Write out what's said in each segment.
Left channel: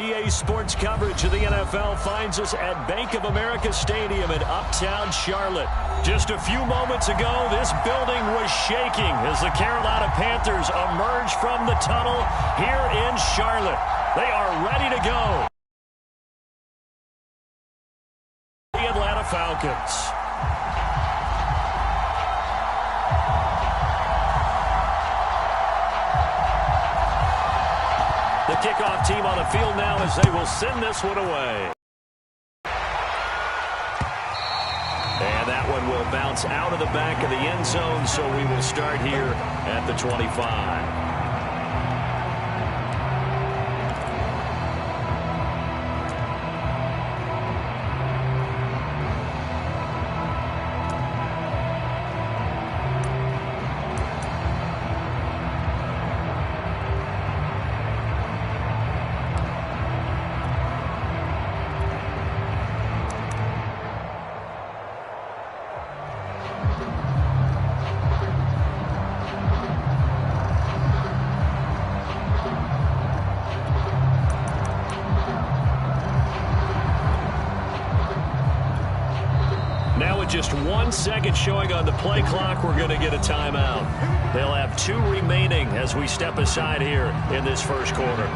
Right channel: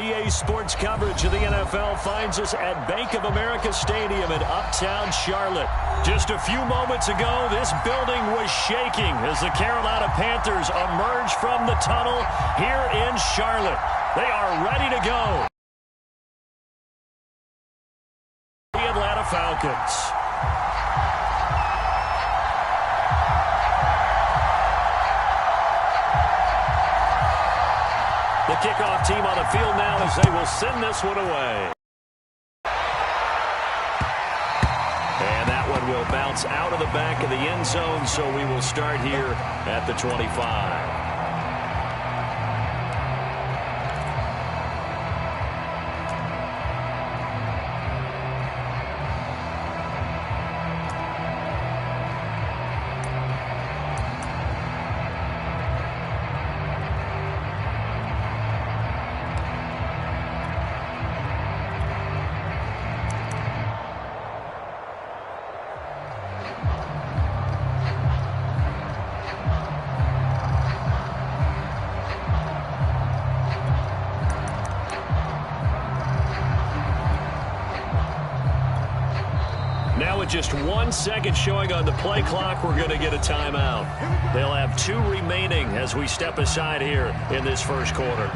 EA Sports coverage of the NFL finds us at Bank of America Stadium in Uptown Charlotte. Just a few moments ago, this building was shaking as the Carolina Panthers emerged from the tunnel here in Charlotte. They are ready to go. The Atlanta Falcons. The kickoff team on the field now as they will send this one away. And that one will bounce out of the back of the end zone, so we will start here at the 25. Now with just 1 second showing on the play clock, we're going to get a timeout. They'll have 2 remaining as we step aside here in this first quarter.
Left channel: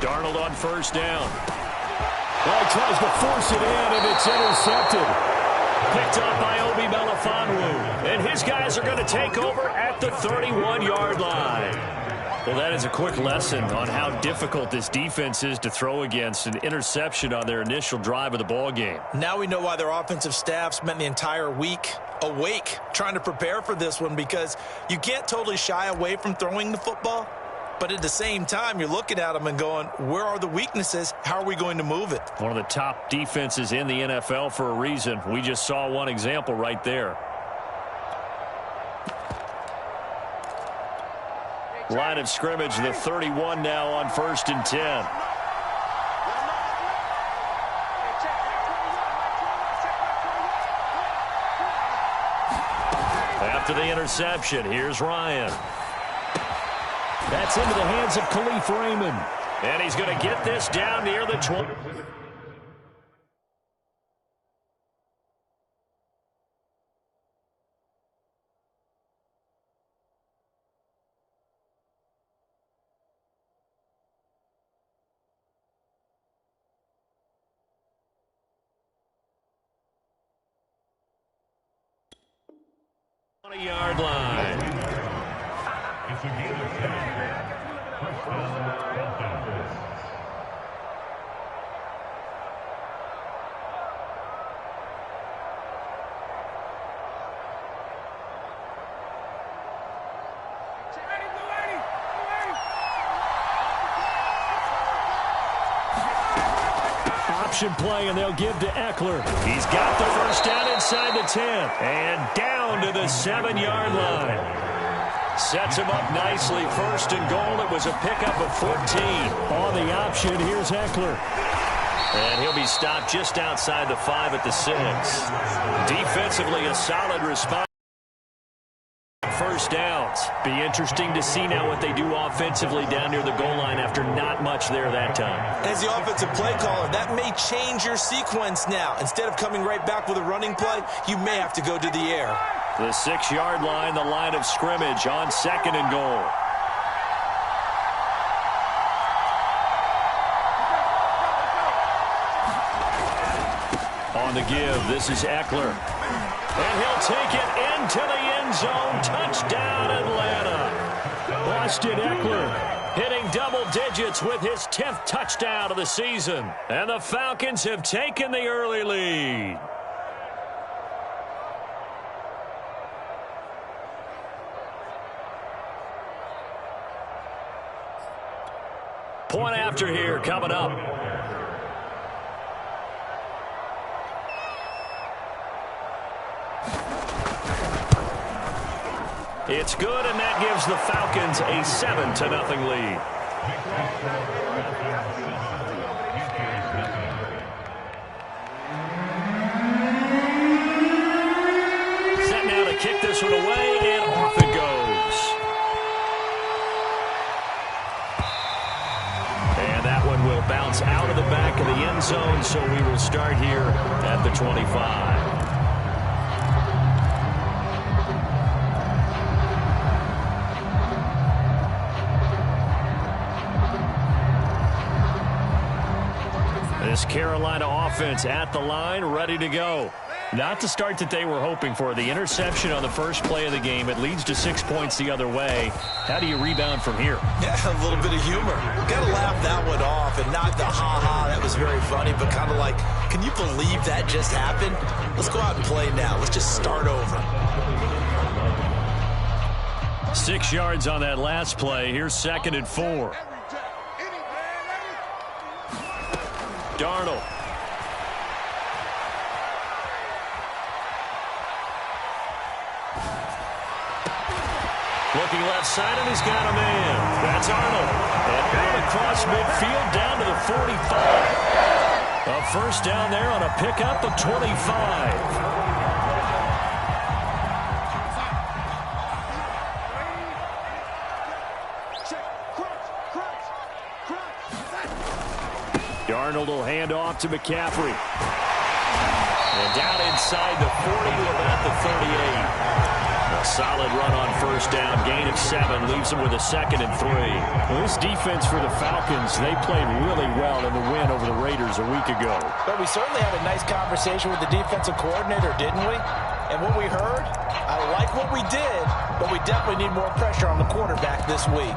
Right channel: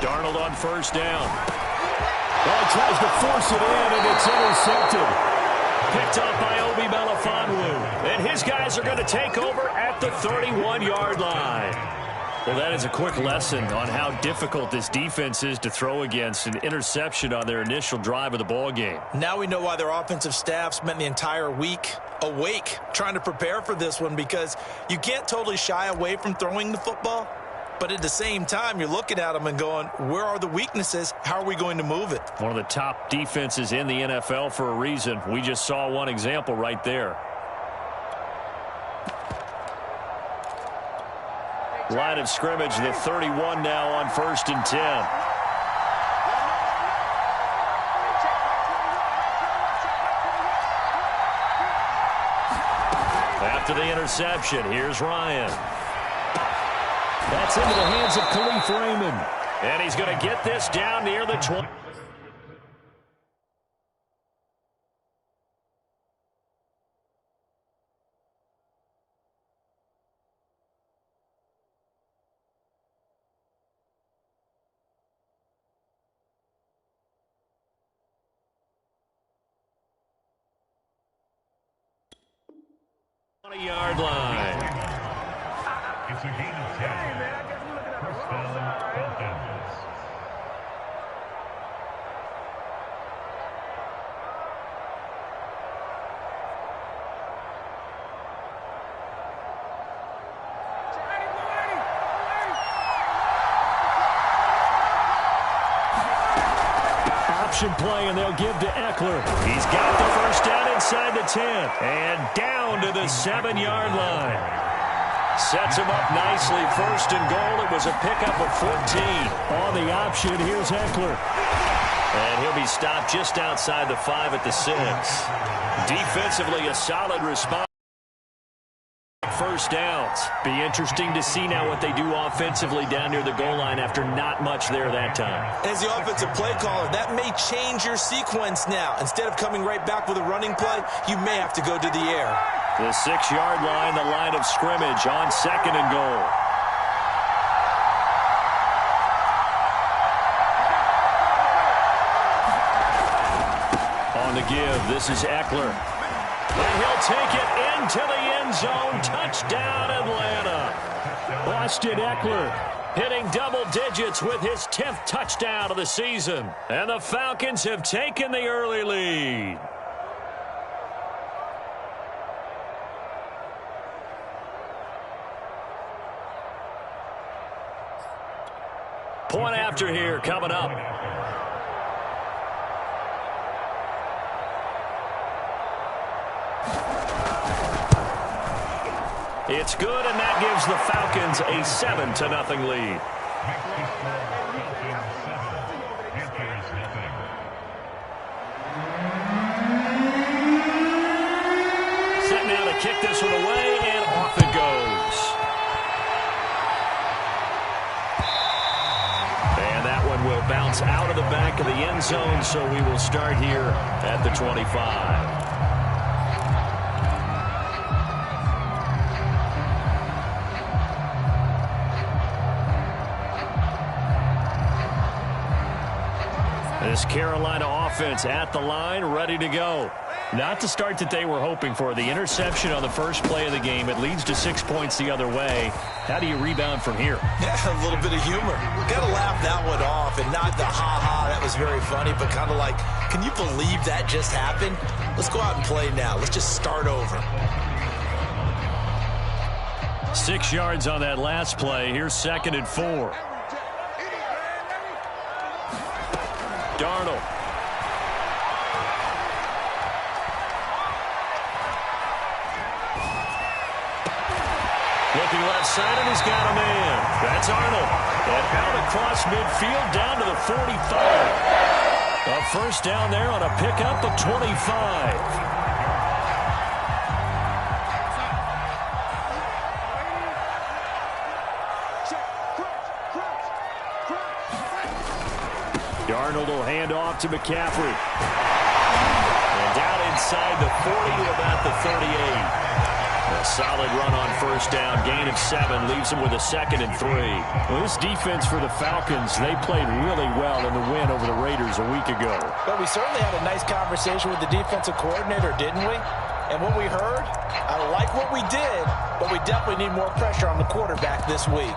Darnold on first down. Well, he tries to force it in, and it's intercepted. Picked up by Obi Melifonwu. And his guys are going to take over at the 31-yard line. Well, that is a quick lesson on how difficult this defense is to throw against. An interception on their initial drive of the ball game. Now we know why their offensive staff spent the entire week awake trying to prepare for this one, because you can't totally shy away from throwing the football. But at the same time, you're looking at them and going, where are the weaknesses? How are we going to move it? One of the top defenses in the NFL for a reason. We just saw one example right there. Line of scrimmage, the 31 now on 1st and 10. After the interception, here's Ryan. That's into the hands of Khalif Raymond. And he's going to get this down near the 20. Yard line. It's a gain of 10. First down, Falcons. Option play, and they'll give to Eckler. He's got the first down inside the 10 and down to the 7-yard line. Sets him up nicely. 1st and goal. It was a pickup of 14. On the option, here's Eckler. And he'll be stopped just outside the 5 at the 6. Defensively, a solid response. First downs. Be interesting to see now what they do offensively down near the goal line after not much there that time. As the offensive play caller, that may change your sequence now. Instead of coming right back with a running play, you may have to go to the air. The 6-yard line, the line of scrimmage on 2nd and goal. On the give, this is Eckler. And he'll take it into the end zone. Touchdown, Atlanta. Austin Eckler hitting double digits with his 10th touchdown of the season. And the Falcons have taken the early lead. Point after here coming up. It's good, and that gives the Falcons a 7-0 lead. kick this one away, and off it goes. And that one will bounce out of the back of the end zone, so we will start here at the 25. This Carolina offense at the line, ready to go. Not the start that they were hoping for. The interception on the first play of the game. It leads to 6 points the other way. How do you rebound from here? Yeah, a little bit of humor. Got to laugh that one off, and not the ha-ha, that was very funny, but kind of like, can you believe that just happened? Let's go out and play now. Let's just start over. 6 yards on that last play. Here's 2nd and 4. Darnold. Looking left side, and he's got a man. That's Arnold. And out across midfield down to the 45. A first down there on a pickup of 25. Darnold will hand off to McCaffrey. And down inside the 40 to about the 38. A solid run on first down. Gain of 7 leaves them with a 2nd and 3. Well, this defense for the Falcons, they played really well in the win over the Raiders a week ago. But we certainly had a nice conversation with the defensive coordinator, didn't we? And what we heard, I like what we did, but we definitely need more pressure on the quarterback this week.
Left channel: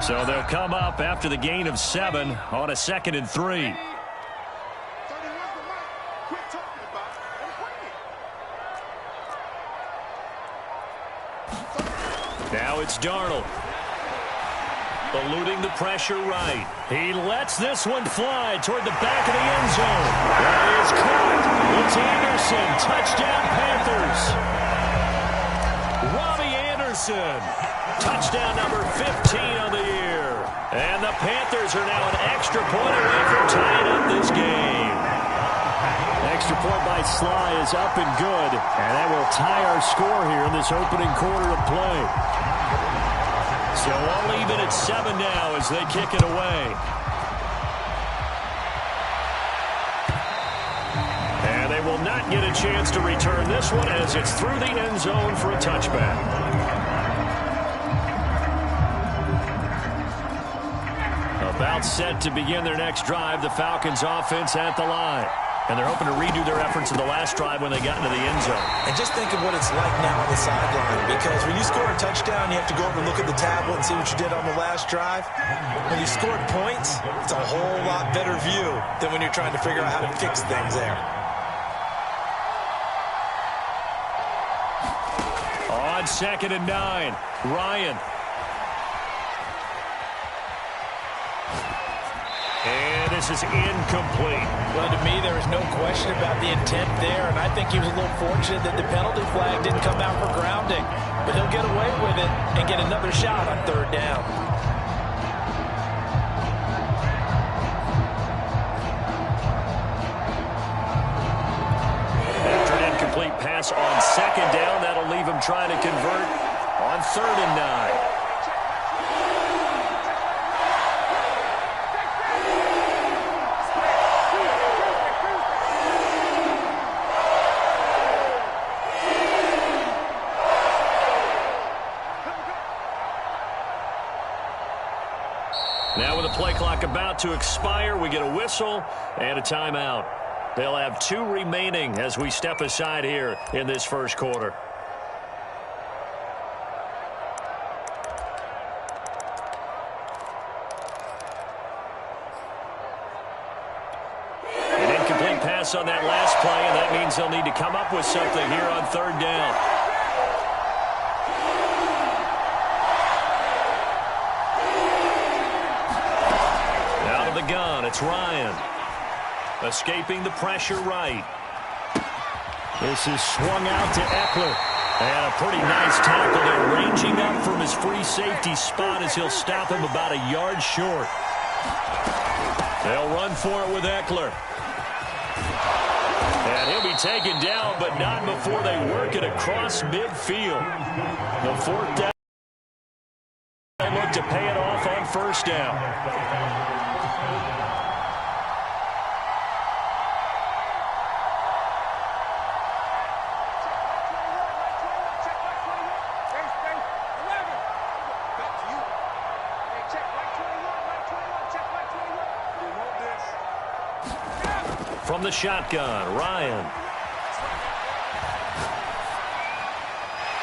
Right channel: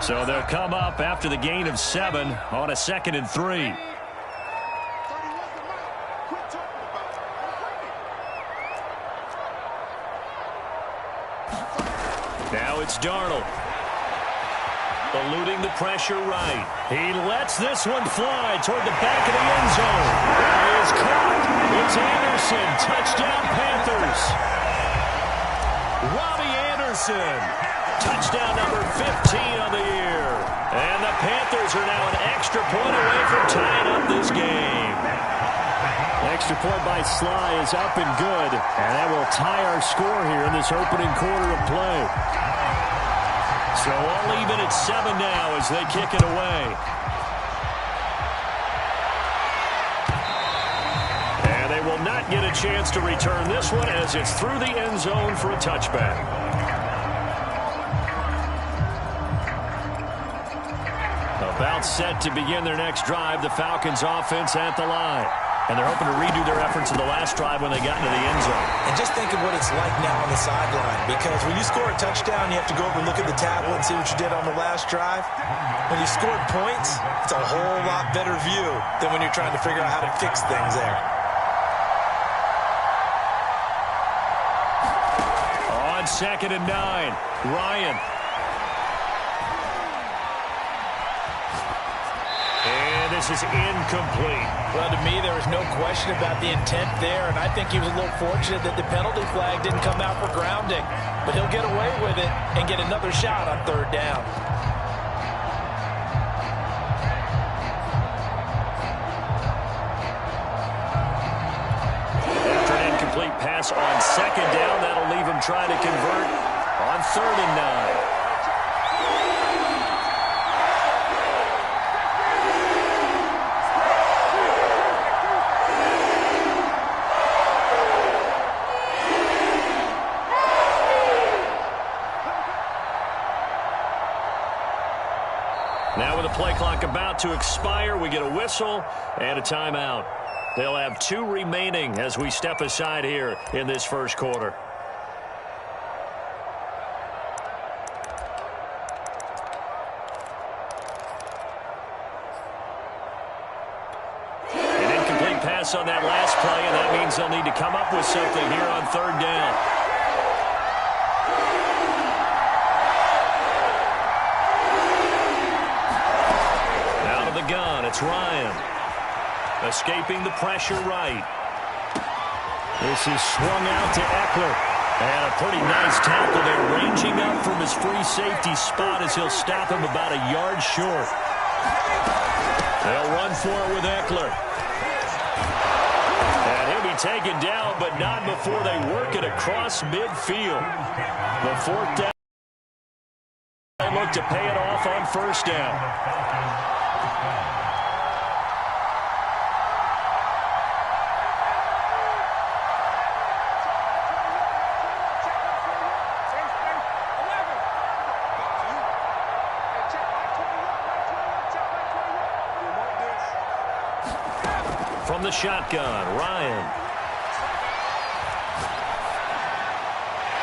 So they'll come up after the gain of 7 on a 2nd and 3. Now it's Darnold. Eluding the pressure right. He lets this one fly toward the back of the end zone. That is caught. It's Anderson. Touchdown Panthers. Robbie Anderson. Touchdown number 15 on the year. And the Panthers are now an extra point away from tying up this game. Extra point by Sly is up and good. And that will tie our score here in this opening quarter of play. So all even at 7 now as they kick it away. And they will not get a chance to return this one as it's through the end zone for a touchback. About set to begin their next drive, the Falcons offense at the line. And they're hoping to redo their efforts in the last drive when they got into the end zone. And just think of what it's like now on the sideline, because when you score a touchdown, you have to go over and look at the tablet and see what you did on the last drive. When you scored points, it's a whole lot better view than when you're trying to figure out how to fix things there. On 2nd and 9, Ryan. And this is incomplete. Well, to me, there was no question about the intent there, and I think he was a little fortunate that the penalty flag didn't come out for grounding. But he'll get away with it and get another shot on 3rd down. After an incomplete pass on 2nd down, that'll leave him trying to convert on 3rd and 9. Now with the play clock about to expire, we get a whistle and a timeout. They'll have 2 remaining as we step aside here in this first quarter. An incomplete pass on that last play, and that means they'll need to come up with something here on 3rd down. The gun, it's Ryan. Escaping the pressure right. This is swung out to Eckler. And a pretty nice tackle there, ranging up from his free safety spot as he'll stop him about a yard short. They'll run for it with Eckler. And he'll be taken down, but not before they work it across midfield. The fourth down. They look to pay it off on first down. From the shotgun, Ryan.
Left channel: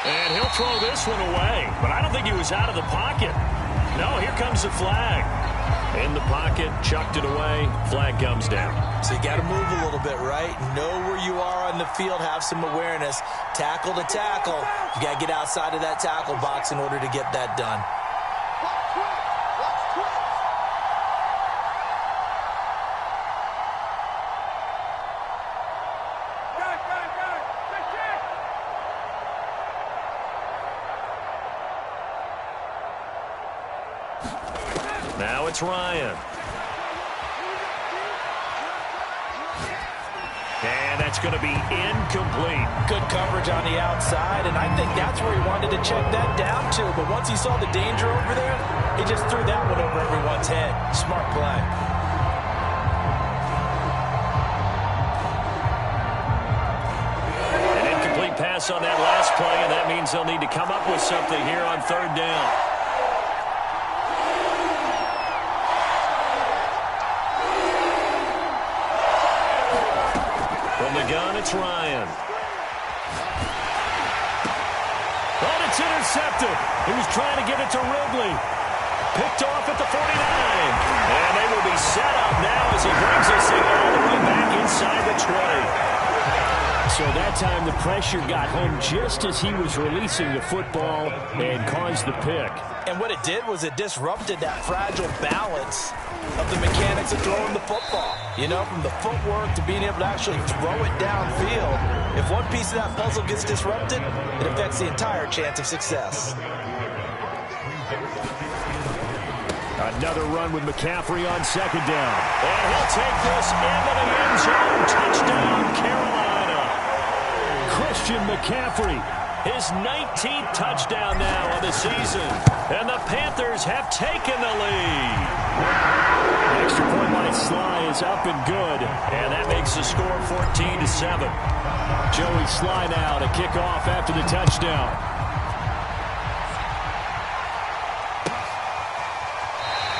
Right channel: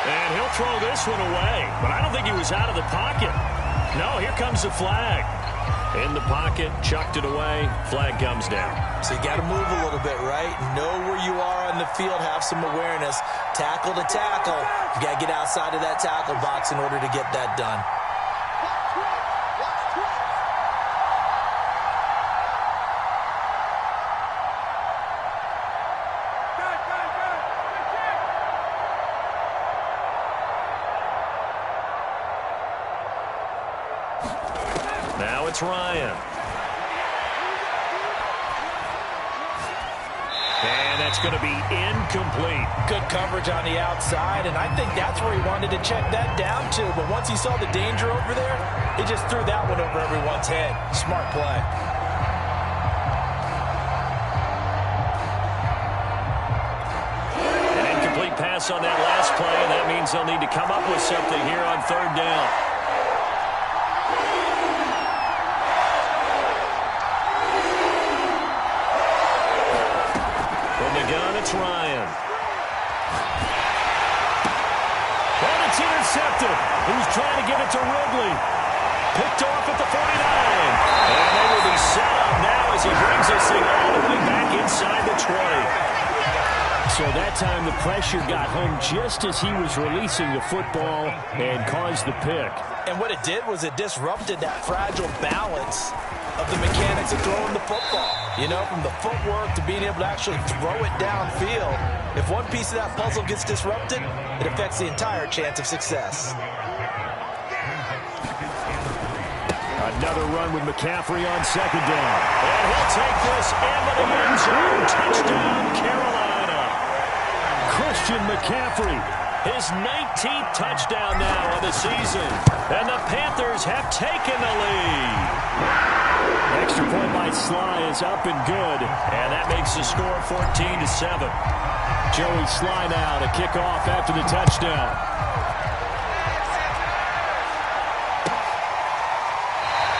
And he'll throw this one away, but I don't think he was out of the pocket. No, here comes the flag. In the pocket, chucked it away, flag comes down. So you got to move a little bit, right? Know where you are on the field, have some awareness. Tackle to tackle. You got to get outside of that tackle box in order to get that done. Now it's Ryan. And that's going to be incomplete. Good coverage on the outside, and I think that's where he wanted to check that down to. But once he saw the danger over there, he just threw that one over everyone's head. Smart play. An incomplete pass on that last play, and that means they'll need to come up with something here on third down. From the gun, it's Ryan. Oh, it's intercepted. He was trying to get it to Ridley. Picked off at the 49. And they will be set up now as he brings this thing all the way back inside the 20. So that time the pressure got home just as he was releasing the football and caused the pick. And what it did was it disrupted that fragile balance of the mechanics of throwing the football. You know, from the footwork to being able to actually throw it downfield. If one piece of that puzzle gets disrupted, it affects the entire chance of success. Another run with McCaffrey on second down. And he'll take this into the end zone. Touchdown, Carolina. Christian McCaffrey. His 19th touchdown now of the season. And the Panthers have taken the lead. Extra point by Sly is up and good. And that makes the score 14-7. Joey Sly now to kick off after the touchdown.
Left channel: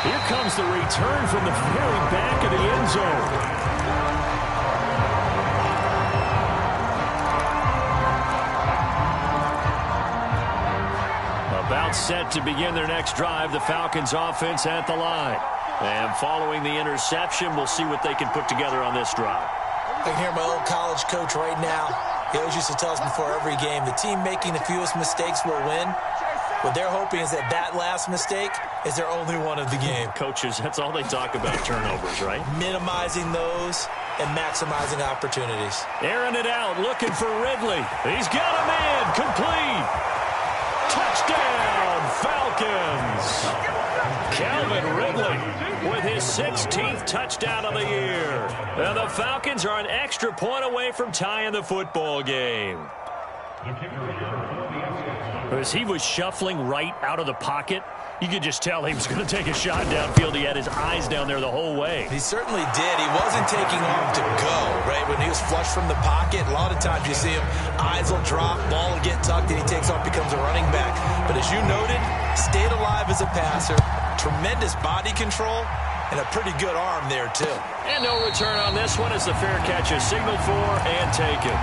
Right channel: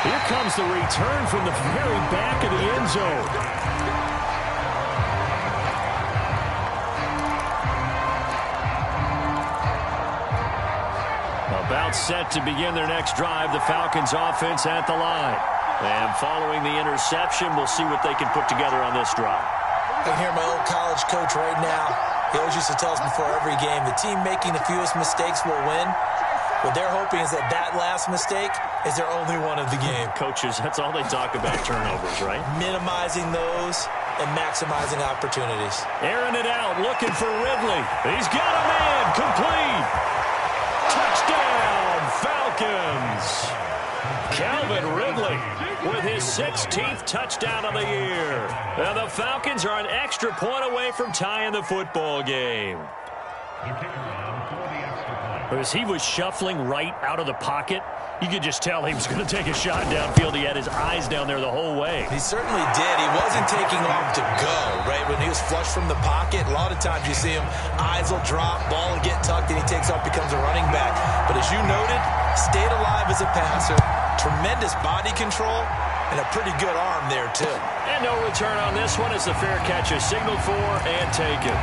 Here comes the return from the very back of the end zone. About set to begin their next drive, the Falcons offense at the line. And following the interception, we'll see what they can put together on this drive. I can hear my old college coach right now. He always used to tell us before every game, the team making the fewest mistakes will win. What they're hoping is that that last mistake is their only one of the game. Coaches, that's all they talk about, turnovers, right? Minimizing those and maximizing opportunities. Airing it out, looking for Ridley. He's got a man, complete. Touchdown, Falcons. Calvin Ridley with his 16th touchdown of the year. And the Falcons are an extra point away from tying the football game. As he was shuffling right out of the pocket, you could just tell he was going to take a shot downfield. He had his eyes down there the whole way. He certainly did. He wasn't taking off to go, right? When he was flush from the pocket, a lot of times you see him, eyes will drop, ball will get tucked, and he takes off, becomes a running back. But as you noted, stayed alive as a passer, tremendous body control, and a pretty good arm there, too. And no return on this one as the fair catch is signaled for and taken.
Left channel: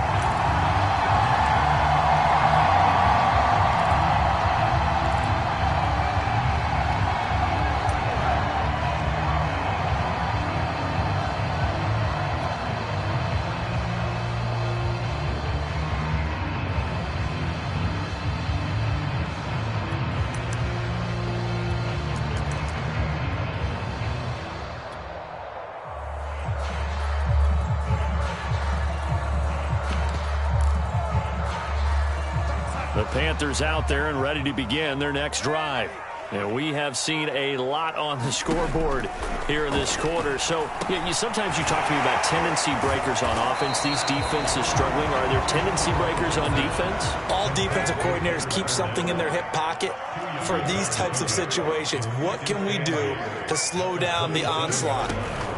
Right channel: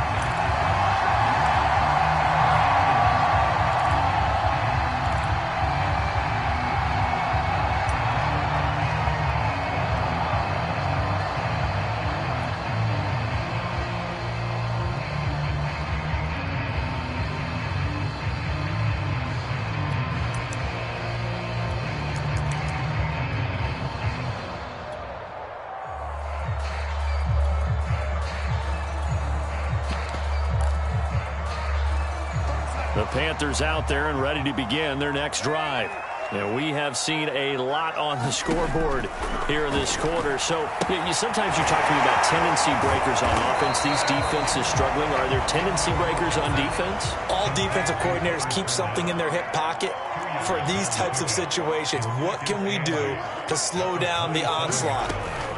The Panthers out there and ready to begin their next drive. And we have seen a lot on the scoreboard here in this quarter. So sometimes you talk to me about tendency breakers on offense. These defenses struggling. Are there tendency breakers on defense? All defensive coordinators keep something in their hip pocket for these types of situations. What can we do to slow down the onslaught?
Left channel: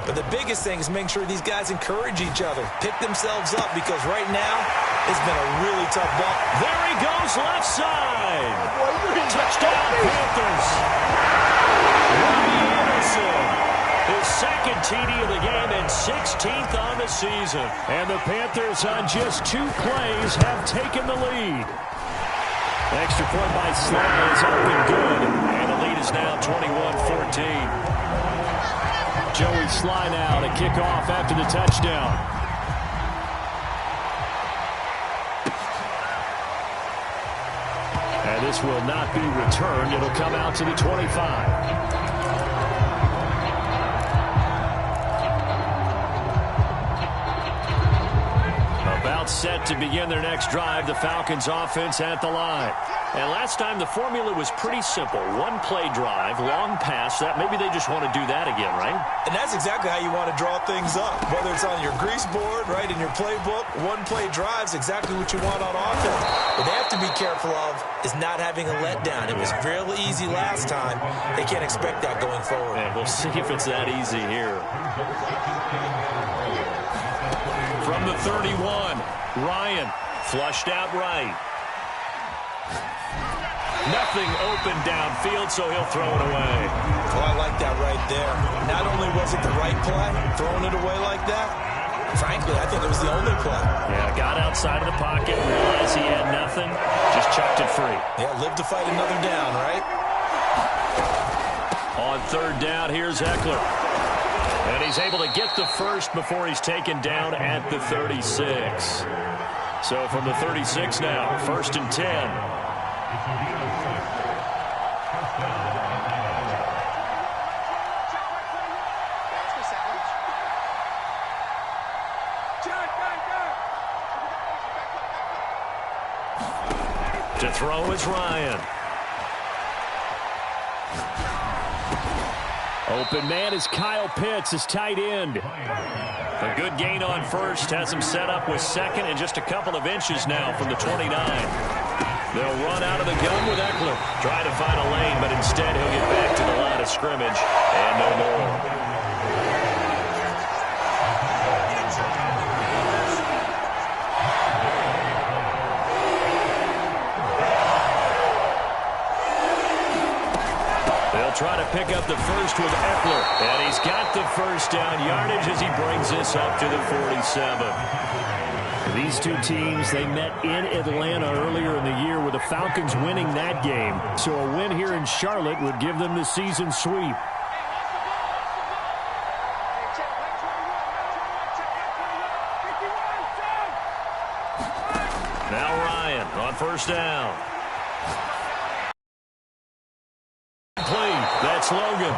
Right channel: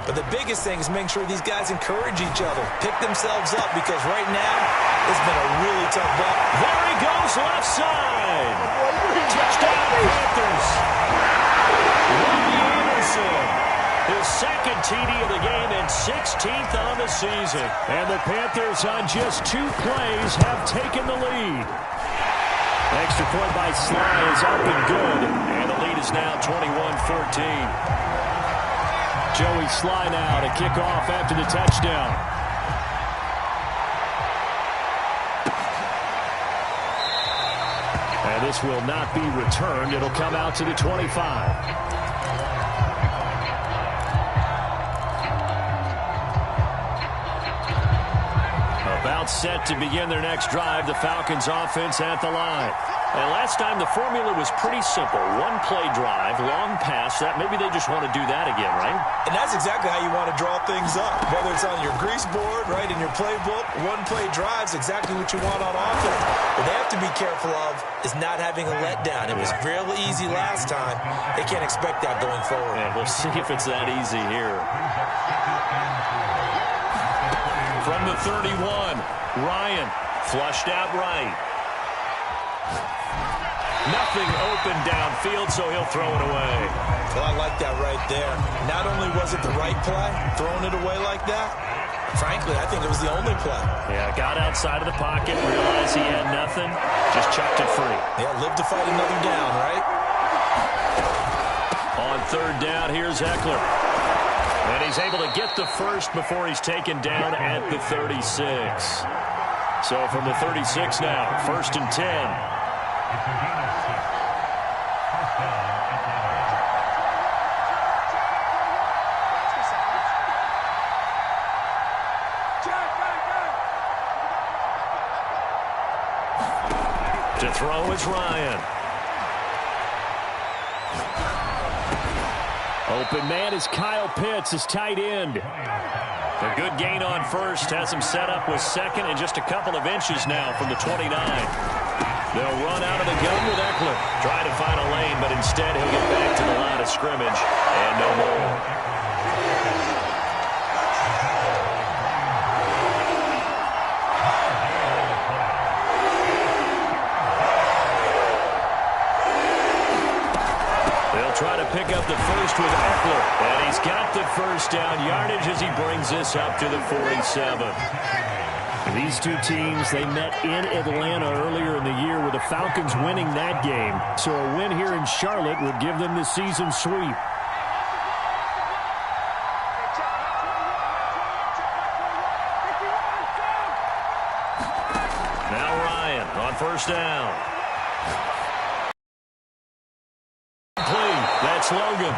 But the biggest thing is making sure these guys encourage each other, pick themselves up, because right now it's been a really tough ball. There he goes, left side. Touchdown, Panthers. Robbie Anderson, his second TD of the game and 16th on the season. And the Panthers on just 2 plays have taken the lead. Extra point by Sly is up and good. And the lead is now 21-14. Joey Sly now to kick off after the touchdown. And this will not be returned. It'll come out to the 25. About set to begin their next drive, the Falcons offense at the line. And last time the formula was pretty simple. 1-play drive, long pass. That maybe they just want to do that again, right? And that's exactly how you want to draw things up. Whether it's on your grease board, right, in your playbook, 1-play drive's exactly what you want on offense. What they have to be careful of is not having a letdown. It was fairly easy last time. They can't expect that going forward. And we'll see if it's that easy here. From the 31, Ryan flushed out right. Nothing open downfield, so he'll throw it away. Well, I like that right there. Not only was it the right play, throwing it away like that, frankly, I think it was the only play. Yeah, got outside of the pocket, realized he had nothing, just chucked it free. Yeah, live to fight another down, right? On 3rd down, here's Eckler. And he's able to get the first before he's taken down at the 36. So from the 36 now, 1st and 10. To throw is Ryan. Open man is Kyle Pitts, his tight end. A good gain on first, has him set up with second and just a couple of inches now from the 29. They'll run out of the gun with Eckler. Try to find a lane, but instead he'll get back to the line of scrimmage and no more. They'll try to pick up the first with Eckler. And he's got the first down yardage as he brings this up to the 47. These two teams, they met in Atlanta earlier in the year with the Falcons winning that game. So a win here in Charlotte would give them the season sweep. Now Ryan on 1st down. That's Logan.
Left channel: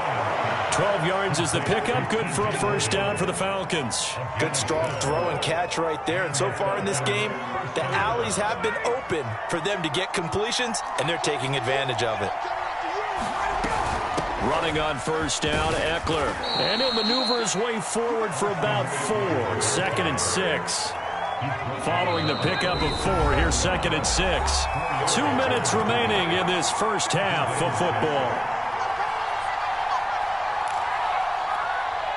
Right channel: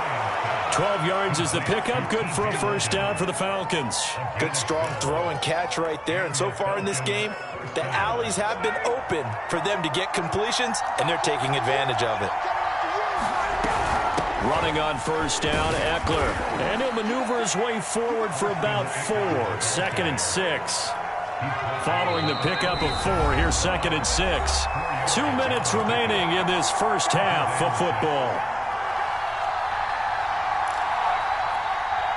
12 yards is the pickup. Good for a 1st down for the Falcons. Good, strong throw and catch right there. And so far in this game, the alleys have been open for them to get completions, and they're taking advantage of it. Running on 1st down, Eckler. And he'll maneuver his way forward for about 4. 2nd and 6. Following the pickup of 4, here's 2nd and 6. 2 minutes remaining in this first half of football.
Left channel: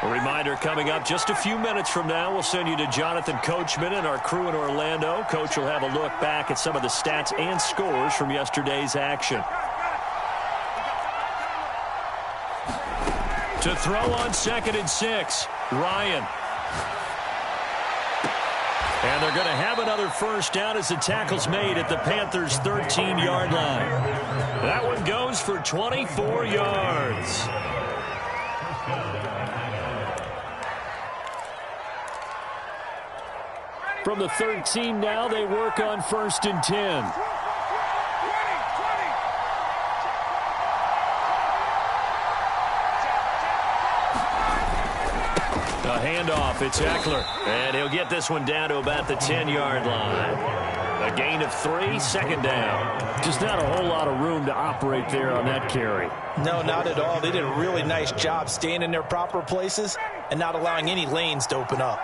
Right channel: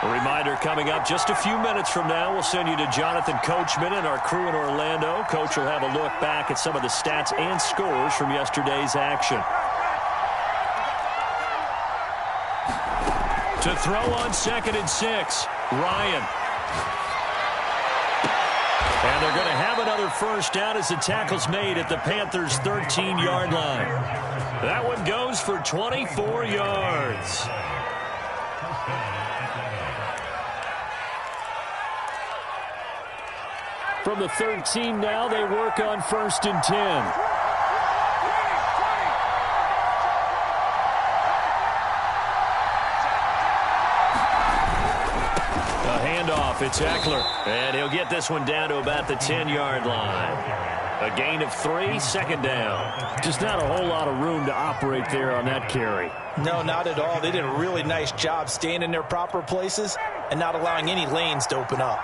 A reminder coming up just a few minutes from now, we'll send you to Jonathan Coachman and our crew in Orlando. Coach will have a look back at some of the stats and scores from yesterday's action. To throw on 2nd and 6, Ryan. And they're going to have another 1st down as the tackle's made at the Panthers' 13-yard line. That one goes for 24 yards. From the 13 now, they work on 1st and 10. A handoff, it's Eckler. And he'll get this one down to about the 10-yard line. A gain of 3, second down. Just not a whole lot of room to operate there on that carry. No, not at all. They did a really nice job staying in their proper places and not allowing any lanes to open up.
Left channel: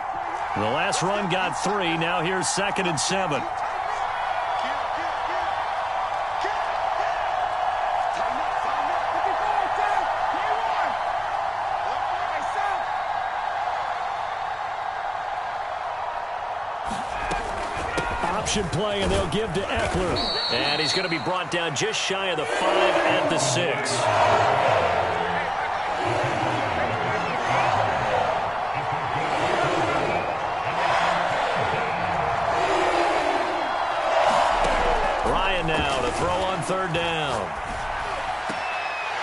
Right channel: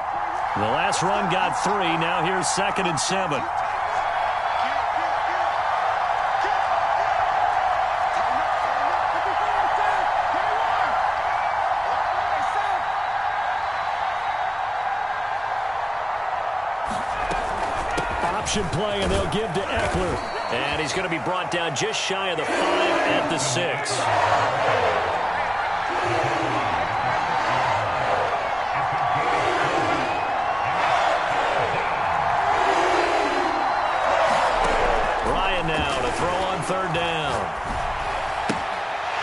The last run got 3. Now here's 2nd and 7. Option play, and they'll give to Eckler. And he's going to be brought down just shy of the 5 at the 6. Ryan now to throw on 3rd down.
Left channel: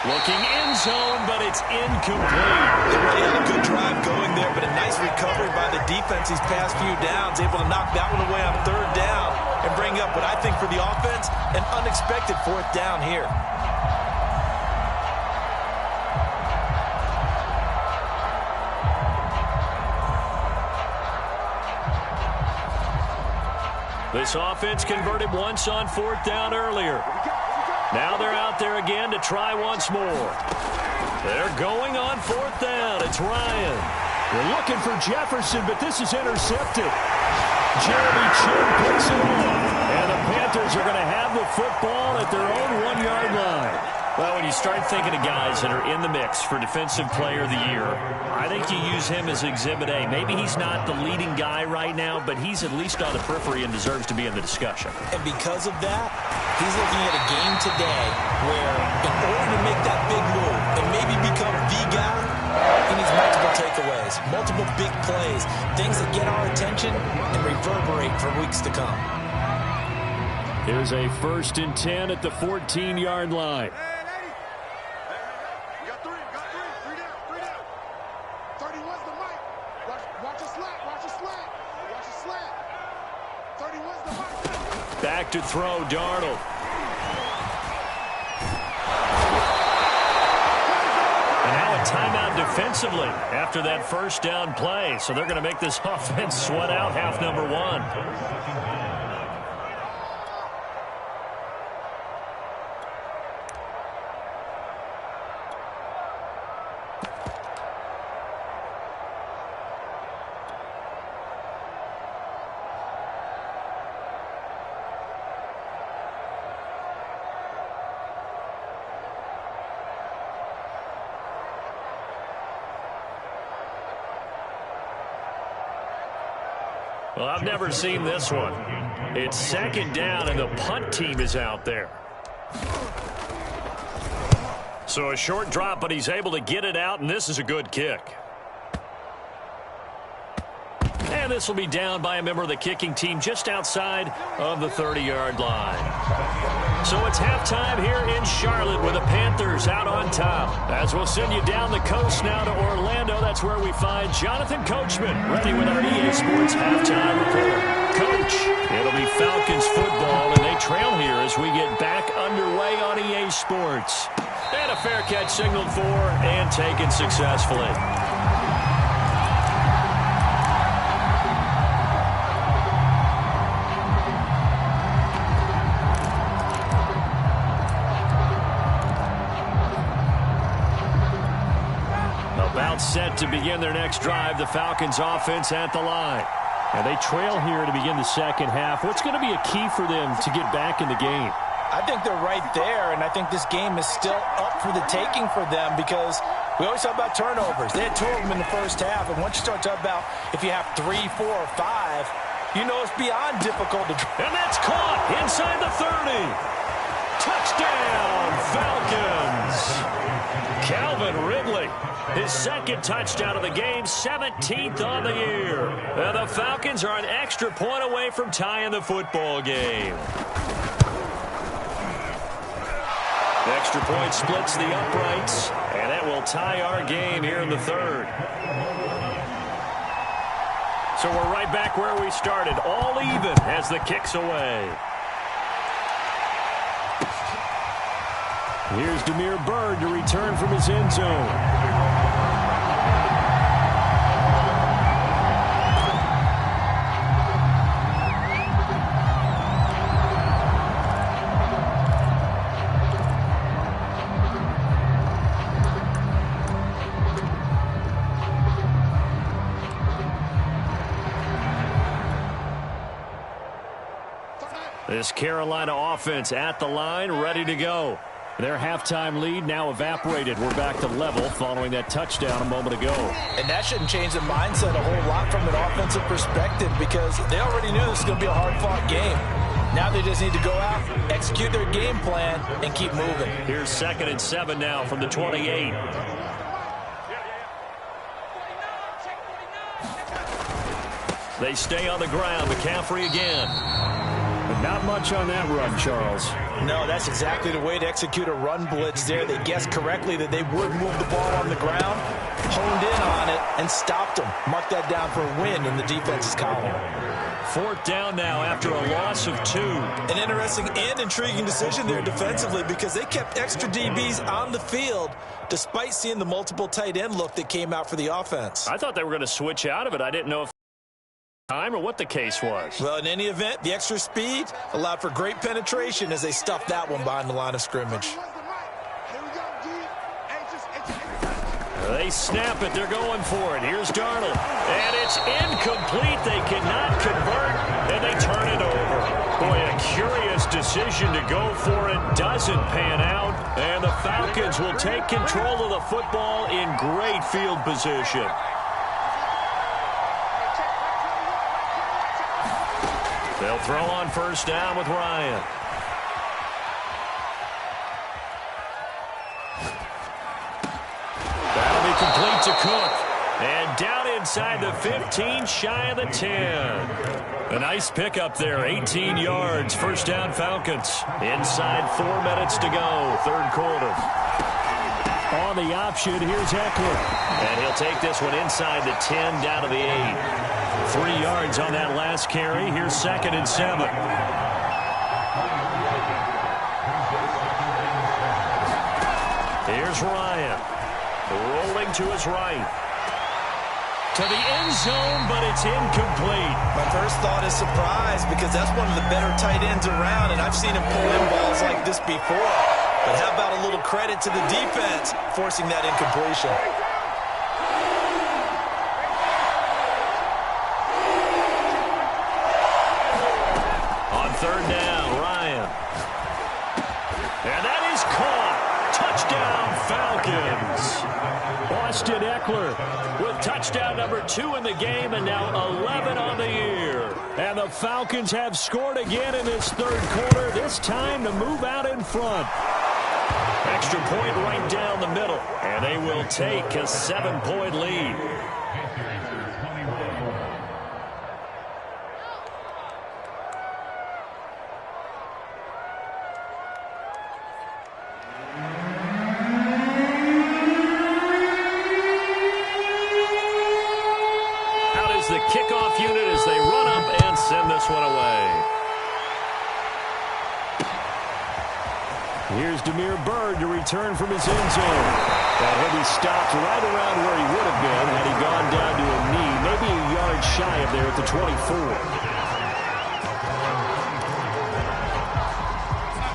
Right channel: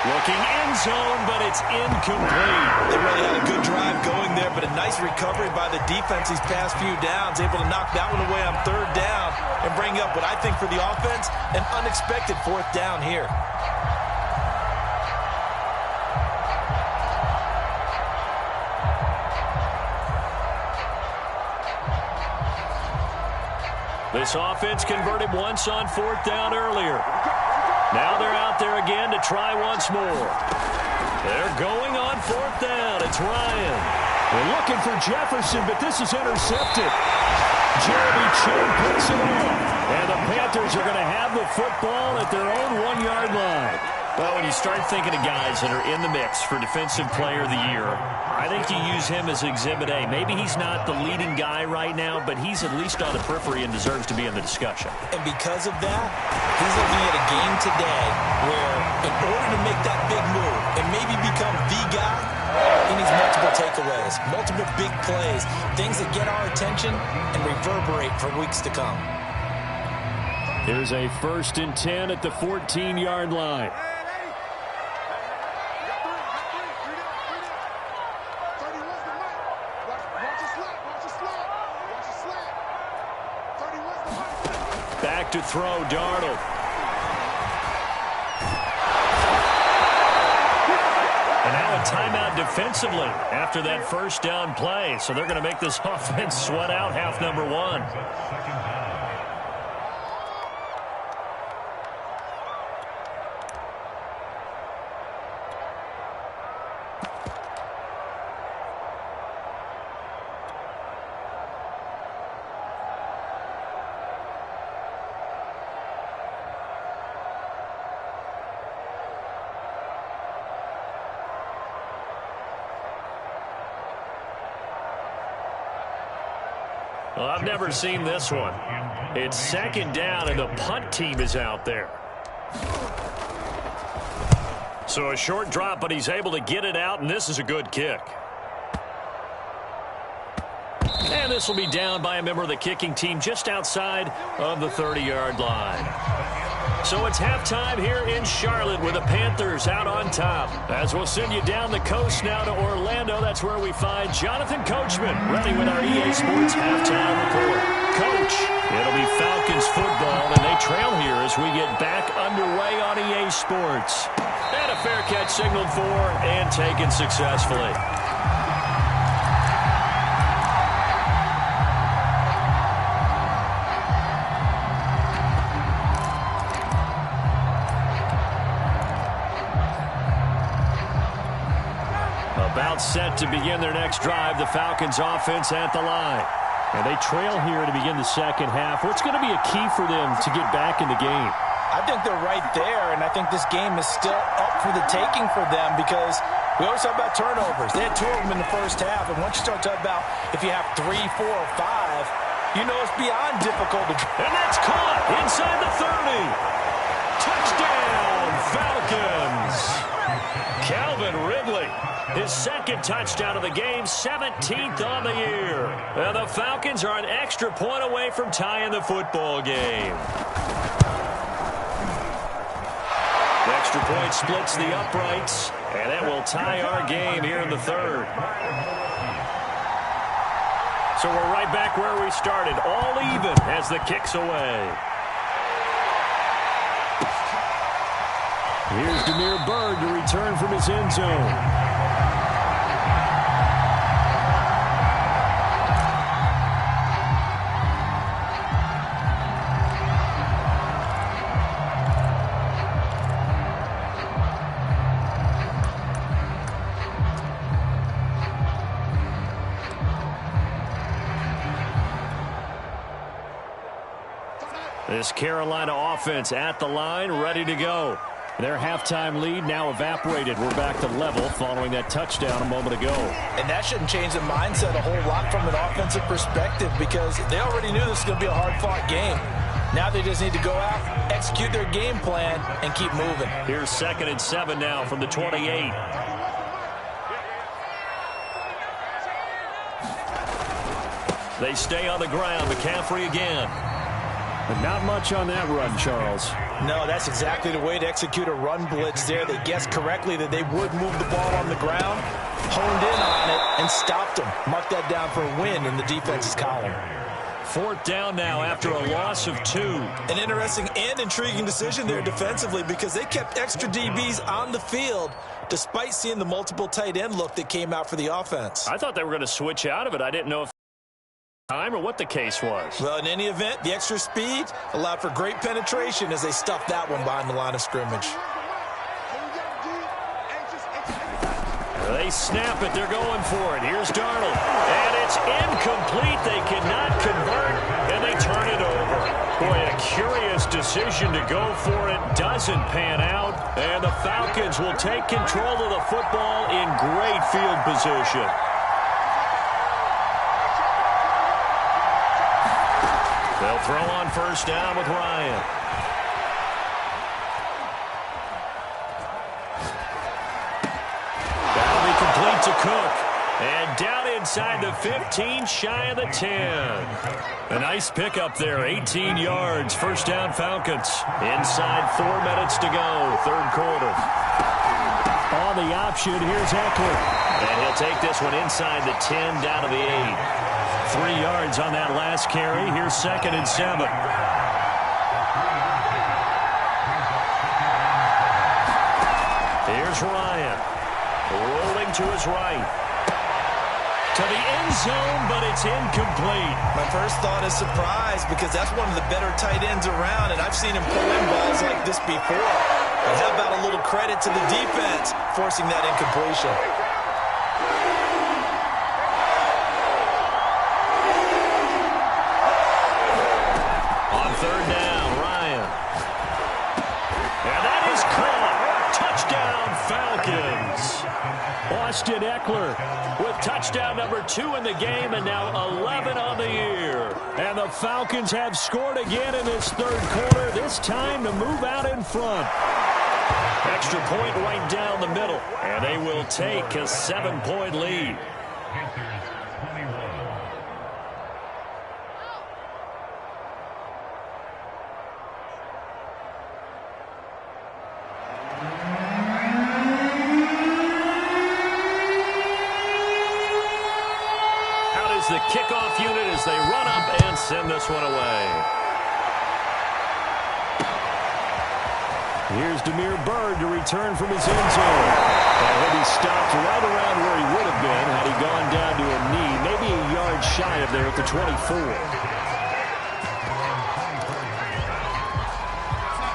Looking end zone, but it's incomplete. They really had a good drive going there, but a nice recovery by the defense these past few downs, able to knock that one away on 3rd down and bring up what I think for the offense, an unexpected 4th down here. This offense converted once on 4th down earlier. Now they're out there again to try once more. They're going on 4th down. It's Ryan. They're looking for Jefferson, but this is intercepted. Jeremy Chin picks it off. And the Panthers are going to have the football at their own 1-yard line. Well, when you start thinking of guys that are in the mix for Defensive Player of the Year, I think you use him as Exhibit A. Maybe he's not the leading guy right now, but he's at least on the periphery and deserves to be in the discussion. And because of that, he's looking at a game today where in order to make that big move and maybe become the guy, he needs multiple takeaways, multiple big plays, things that get our attention and reverberate for weeks to come. Here's a 1st and 10 at the 14-yard line. Back to throw, Darnold. And now a timeout defensively after that 1st down play. So they're going to make this offense sweat out half number 1. Well, I've never seen this one. It's 2nd down, and the punt team is out there. So a short drop, but he's able to get it out, and this is a good kick. And this will be down by a member of the kicking team just outside of the 30-yard line. So it's halftime here in Charlotte with the Panthers out on top. As we'll send you down the coast now to Orlando, that's where we find Jonathan Coachman ready with our EA Sports halftime report. Coach, it'll be Falcons football, and they trail here as we get back underway on EA Sports. And a fair catch signaled for and taken successfully. About set to begin their next drive, the Falcons offense at the line. And they trail here to begin the second half. What's going to be a key for them to get back in the game? I think they're right there, and I think this game is still up for the taking for them because we always talk about turnovers. They had 2 of them in the first half, and once you start talking about if you have 3, 4, or 5, you know it's beyond difficult to... And that's caught inside the 30. Touchdown, Falcons. Calvin Ridley, his 2nd touchdown of the game, 17th on the year. And the Falcons are an extra point away from tying the football game. The extra point splits the uprights, and it will tie our game here in the 3rd. So we're right back where we started, all even as the kick's away. Here's Damiere Byrd to return from his end zone. This Carolina offense at the line, ready to go. Their halftime lead now evaporated. We're back to level following that touchdown a moment ago. And that shouldn't change the mindset a whole lot from an offensive perspective because they already knew this was going to be a hard-fought game. Now they just need to go out, execute their game plan, and keep moving. Here's 2nd and 7 now from the 28. They stay on the ground. McCaffrey again. But not much on that run, Charles. No, that's exactly the way to execute a run blitz there. They guessed correctly that they would move the ball on the ground, honed in on it, and stopped them. Mark that down for a win in the defense's column. 4th down now after a loss of 2. An interesting and intriguing decision there defensively because they kept extra DBs on the field despite seeing the multiple tight end look that came out for the offense. I thought they were going to switch out of it. I didn't know if time or what the case was. Well, in any event, the extra speed allowed for great penetration as they stuffed that one behind the line of scrimmage. They snap it. They're going for it. Here's Darnold. And it's incomplete. They cannot convert, and they turn it over. Boy, a curious decision to go for it. Doesn't pan out. And the Falcons will take control of the football in great field position. They'll throw on 1st down with Ryan. That'll be complete to Cook. And down inside the 15, shy of the 10. A nice pickup there, 18 yards. 1st down Falcons. Inside 4 minutes to go, 3rd quarter. On the option, here's Eckler. And he'll take this one inside the 10, down to the 8. 3 yards on that last carry. Here's 2nd and 7. Here's Ryan. Rolling to his right. To the end zone, but it's incomplete. My first thought is surprise because that's one of the better tight ends around, and I've seen him pull in balls like this before. But how about a little credit to the defense forcing that incompletion? On 3rd down, Ryan. And that is caught. Touchdown, Falcons. Austin Eckler With touchdown number 2 in the game and now 11 on the year. And the Falcons have scored again in this 3rd quarter, this time to move out in front. Extra point right down the middle. And they will take a 7-point lead. The kickoff unit as they run up and send this one away. Here's Damiere Byrd to return from his end zone. And he'll be stopped right around where he would have been had he gone down to a knee, maybe a yard shy of there at the 24.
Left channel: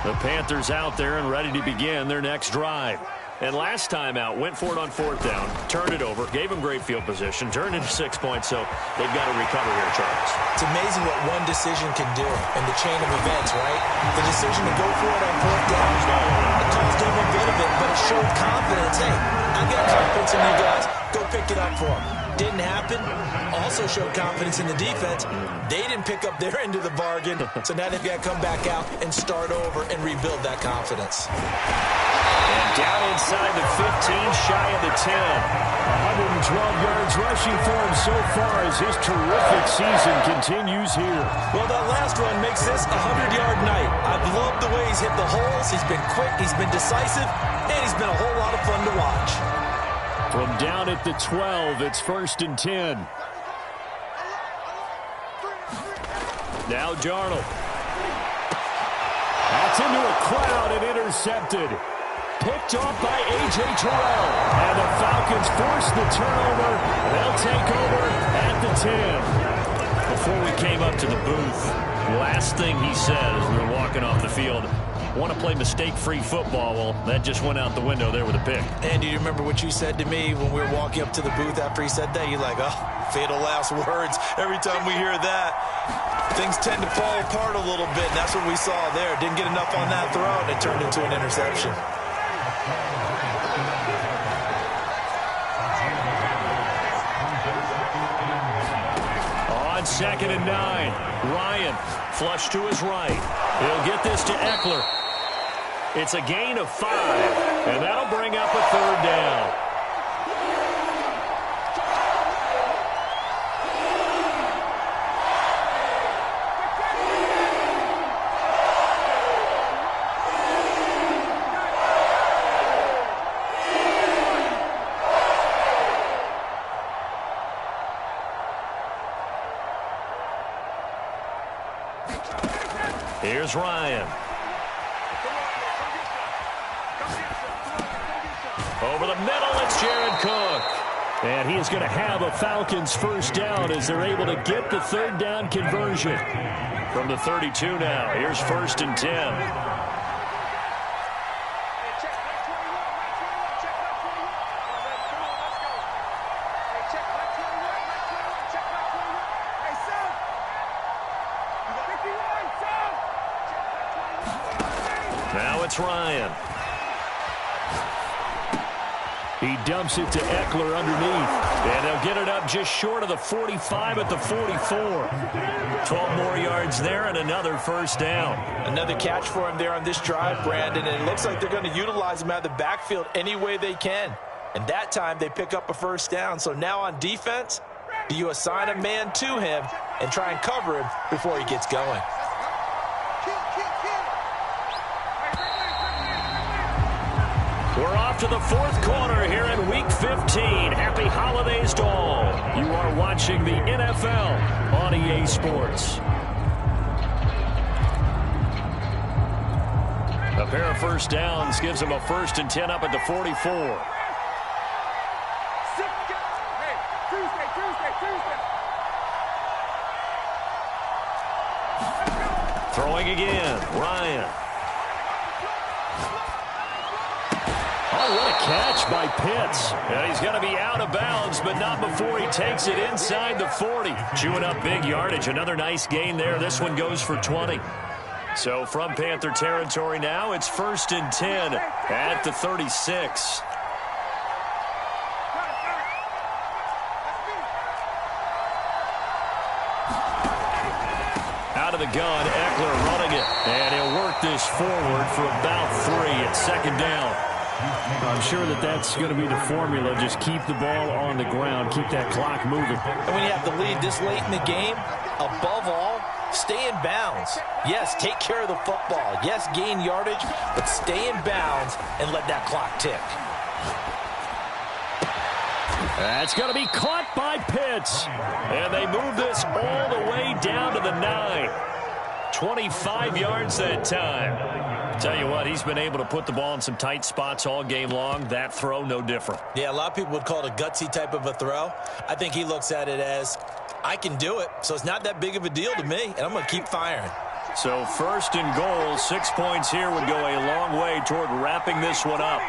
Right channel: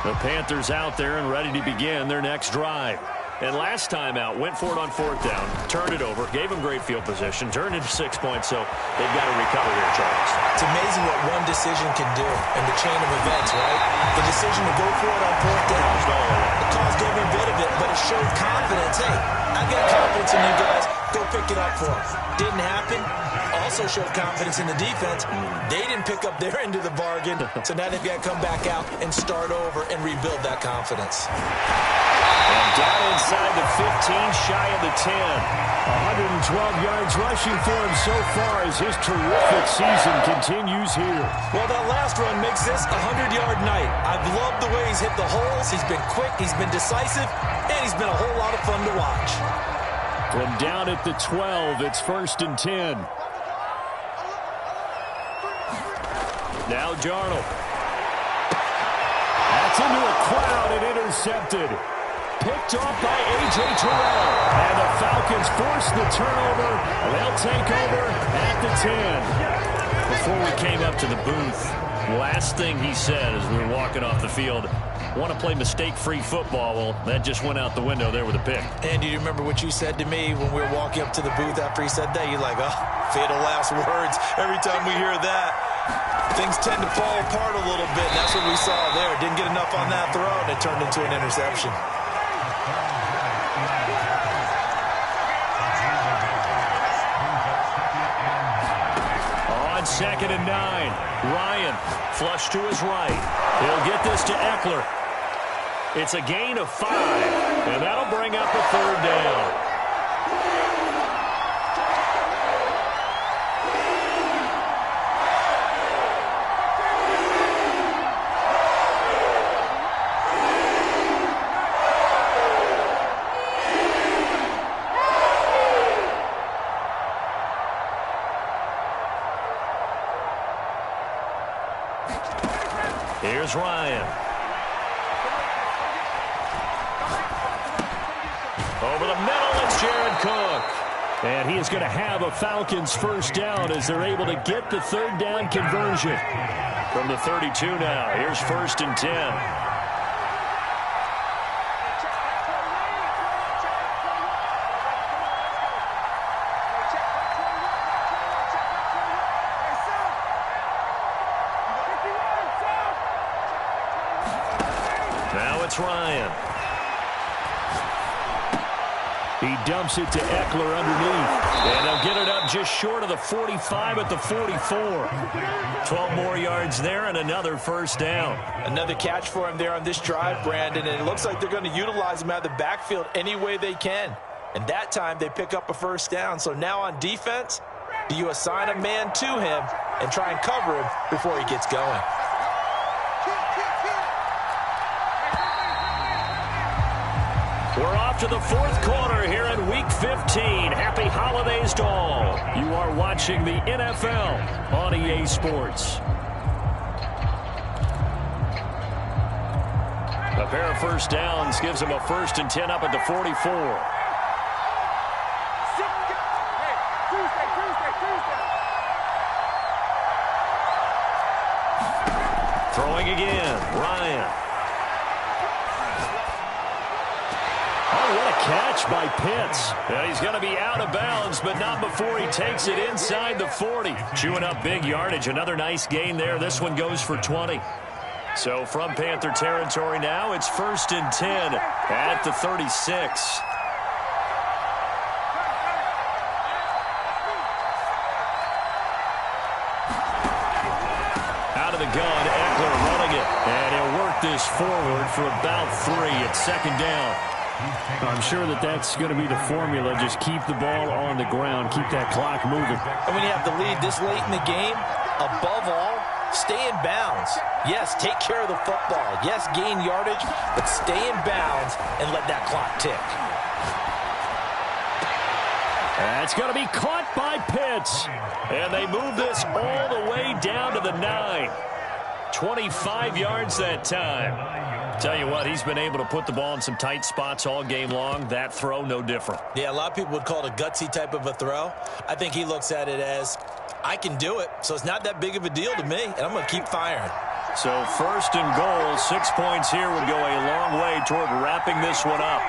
The Panthers out there and ready to begin their next drive. And last time out, went for it on 4th down, turned it over, gave them great field position, turned into 6 points, so they've got to recover here, Charles. It's amazing what one decision can do in the chain of events, right? The decision to go for it on 4th down, it caused every bit of it, but it showed confidence. Hey, I got confidence in you guys. Go pick it up for them. Didn't happen. Also showed confidence in the defense. They didn't pick up their end of the bargain, so now they've got to come back out and start over and rebuild that confidence. And down inside the 15, shy of the 10. 112 yards rushing for him so far as his terrific season continues here. Well, that last run makes this a 100-yard night. I've loved the way he's hit the holes. He's been quick, he's been decisive, and he's been a whole lot of fun to watch. From down at the 12, it's 1st and 10. Now Darnold. That's into a crowd and intercepted. Picked off by A.J. Terrell. And the Falcons force the turnover. They'll take over at the 10. Before we came up to the booth, last thing he said as we were walking off the field, want to play mistake-free football. Well, that just went out the window there with a pick. And do you remember what you said to me when we were walking up to the booth after he said that? You're like, oh, fatal last words. Every time we hear that, things tend to fall apart a little bit, and that's what we saw there. Didn't get enough on that throw, and it turned into an interception. On 2nd and 9, Ryan flush to his right. He'll get this to Eckler. It's a gain of 5, and that'll bring up a 3rd down. Here's Ryan. Over the middle, it's Jared Cook. And he is going to have a Falcons first down as they're able to get the 3rd down conversion. From the 32 now, here's 1st and 10. Now it's Ryan. He dumps it to Eckler underneath. And they'll get it up just short of the 45 at the 44. 12 more yards there and another first down. Another catch for him there on this drive, Brandon. And it looks like they're going to utilize him out of the backfield any way they can. And that time they pick up a first down. So now on defense, do you assign a man to him and try and cover him before he gets going? We're off to the 4th quarter here in Week 15. Happy holidays to all. You are watching the NFL on EA Sports. A pair of first downs gives them a 1st and 10 up at the 44. Throwing again, Ryan. Oh, what a catch by Pitts. And he's going to be out of bounds, but not before he takes it inside the 40. Chewing up big yardage. Another nice gain there. This one goes for 20. So from Panther territory now, it's 1st and 10 at the 36. Out of the gun, Eckler running it. And he'll work this forward for about 3 at 2nd down. I'm sure that that's going to be the formula. Just keep the ball on the ground. Keep that clock moving. And when you have the lead this late in the game, above all, stay in bounds. Yes, take care of the football. Yes, gain yardage, but stay in bounds and let that clock tick. That's going to be caught by Pitts. And they move this all the way down to the 9. 25 yards that time. Tell you what, he's been able to put the ball in some tight spots all game long. That throw, no different. Yeah, a lot of people would call it a gutsy type of a throw. I think he looks at it as, I can do it, so it's not that big of a deal to me, and I'm going to keep firing. So 1st and goal, 6 points here would go a long way toward wrapping this one up.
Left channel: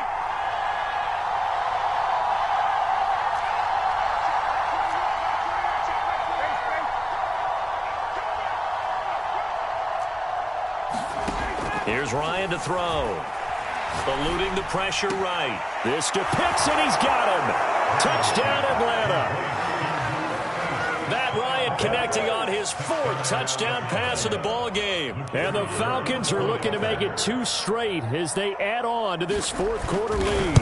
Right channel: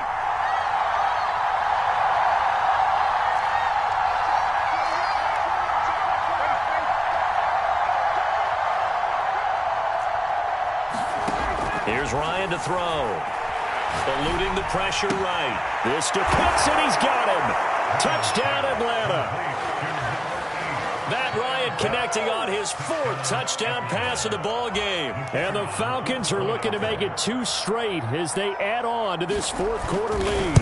Here's Ryan to throw. Eluding the pressure right. This to Pitts, and he's got him. Touchdown, Atlanta. Matt Ryan connecting on his 4th touchdown pass of the ball game. And the Falcons are looking to make it 2 straight as they add on to this 4th quarter lead.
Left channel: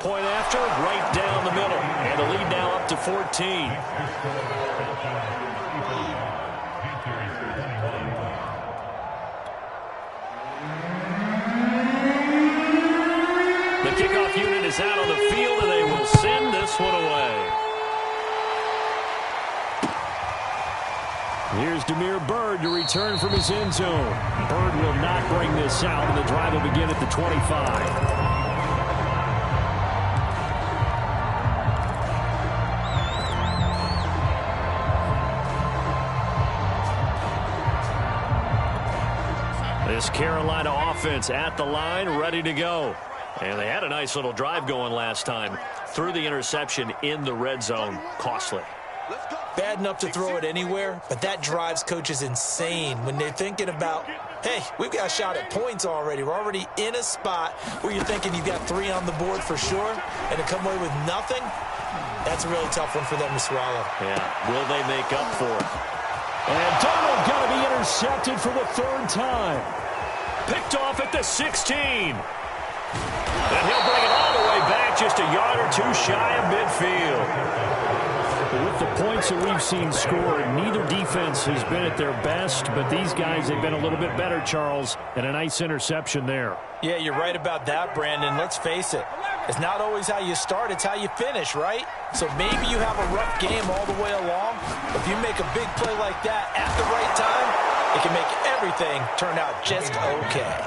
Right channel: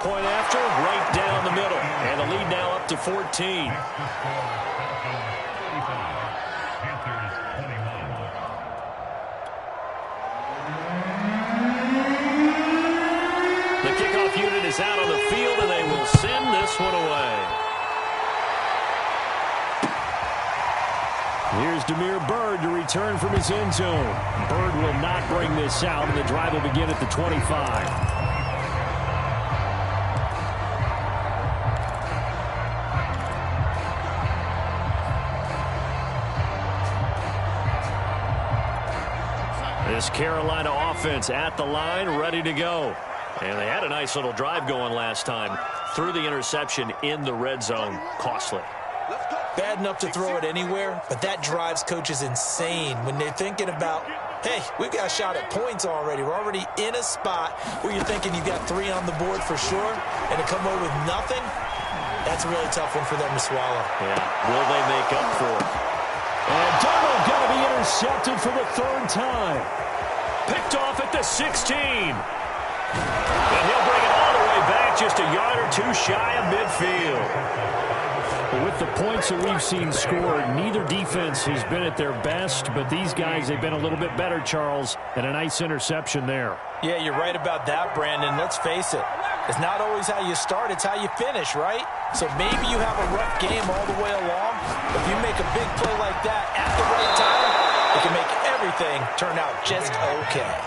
Point after, right down the middle. And the lead now up to 14. The kickoff unit is out on the field, and they will send this one away. Here's Damiere Byrd to return from his end zone. Byrd will not bring this out, and the drive will begin at the 25. This Carolina offense at the line, ready to go. And they had a nice little drive going last time. Threw the interception in the red zone. Costly. Bad enough to throw it anywhere, but that drives coaches insane when they're thinking about, hey, we've got a shot at points already. We're already in a spot where you're thinking you've got 3 on the board for sure, and to come away with nothing, that's a really tough one for them to swallow. Yeah, will they make up for it? And Darnold got to be intercepted for the 3rd time. Picked off at the 16. And he'll bring it all the way back, just a yard or 2 shy of midfield. With the points that we've seen scored, neither defense has been at their best, but these guys have been a little bit better, Charles, and a nice interception there. Yeah, you're right about that, Brandon. Let's face it. It's not always how you start, it's how you finish, right? So maybe you have a rough game all the way along, but if you make a big play like that at the right time, it can make everything turn out just okay.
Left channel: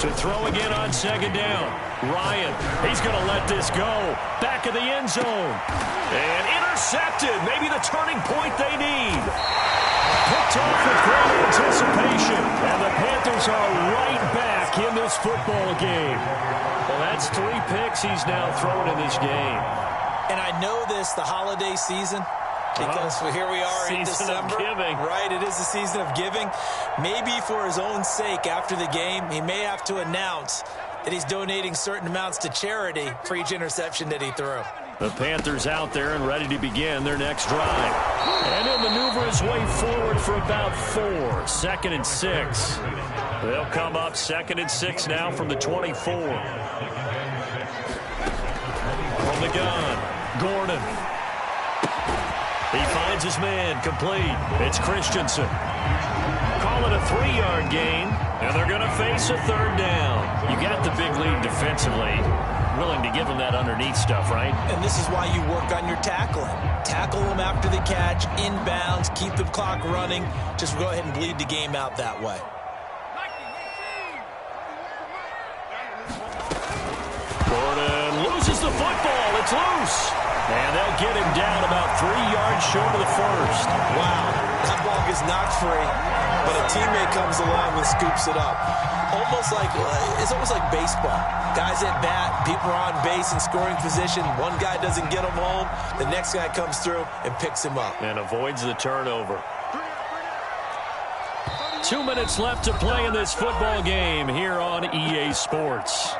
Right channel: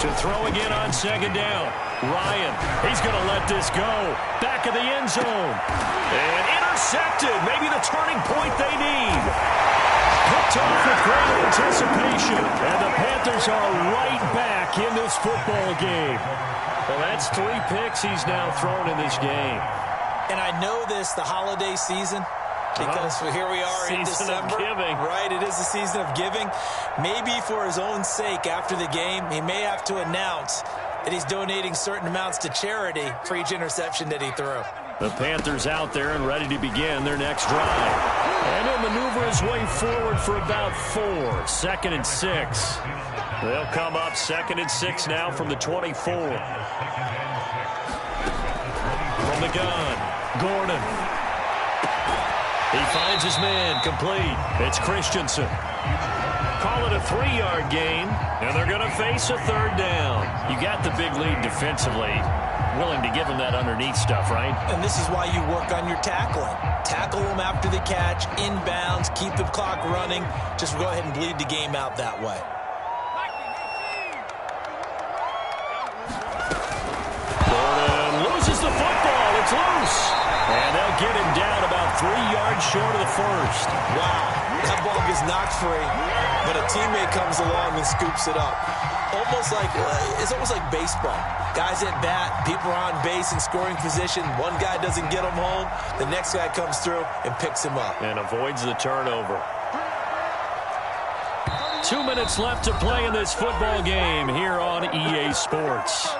To throw again on 2nd down. Ryan, he's going to let this go. Back of the end zone. And intercepted. Maybe the turning point they need. Picked off with great anticipation. And the Panthers are right back in this football game. Well, that's 3 picks he's now thrown in this game. And I know this, the holiday season, because here we are in December. Season of giving. Right, it is the season of giving. Maybe for his own sake after the game, he may have to announce that he's donating certain amounts to charity for each interception that he threw. The Panthers out there and ready to begin their next drive. And he'll maneuver his way forward for about 4. 2nd and 6. They'll come up 2nd and 6 now from the 24. From the gun, Gordon. He finds his man, complete. It's Christensen. Call it a 3-yard gain, and they're going to face a 3rd down. You got the big lead defensively. Willing to give him that underneath stuff, right? And this is why you work on your tackling. Tackle them after the catch, inbounds, keep the clock running. Just go ahead and bleed the game out that way. Gordon loses the football. It's loose. And they'll get him down about 3 yards short of the 1st. Wow, that ball gets knocked free, but a teammate comes along and scoops it up. It's almost like baseball. Guys at bat, people are on base in scoring position. One guy doesn't get him home. The next guy comes through and picks him up. And avoids the turnover. 2 minutes left to play in this football game here on EA Sports.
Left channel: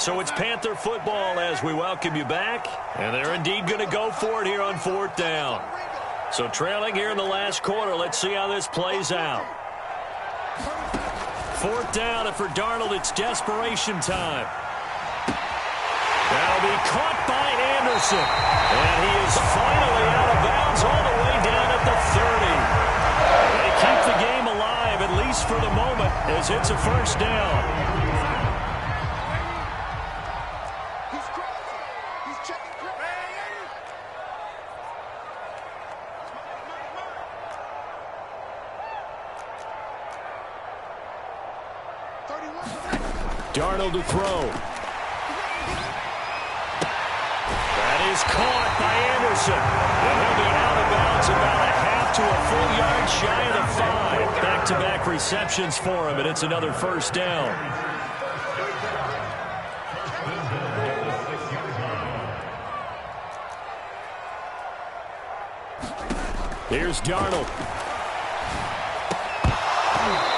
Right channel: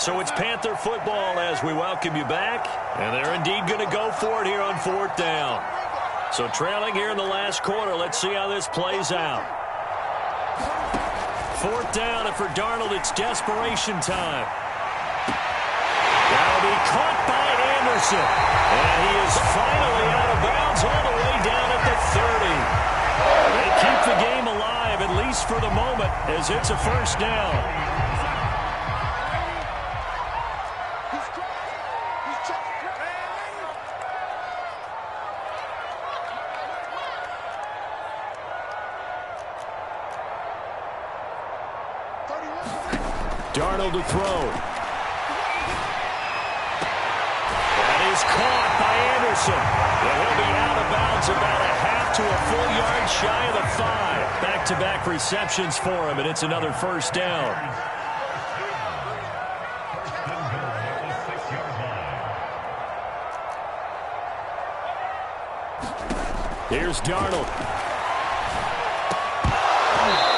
So it's Panther football as we welcome you back. And they're indeed going to go for it here on 4th down. So trailing here in the last quarter. Let's see how this plays out. 4th down, and for Darnold, it's desperation time. That'll be caught by Anderson. And he is finally out of bounds all the way down at the 30. They keep the game alive, at least for the moment, as it's a 1st down. Darnold to throw. That is caught by Anderson. And he'll be out of bounds about a half to a full yard shy of the 5. Back-to-back receptions for him, and it's another 1st down. Here's Darnold.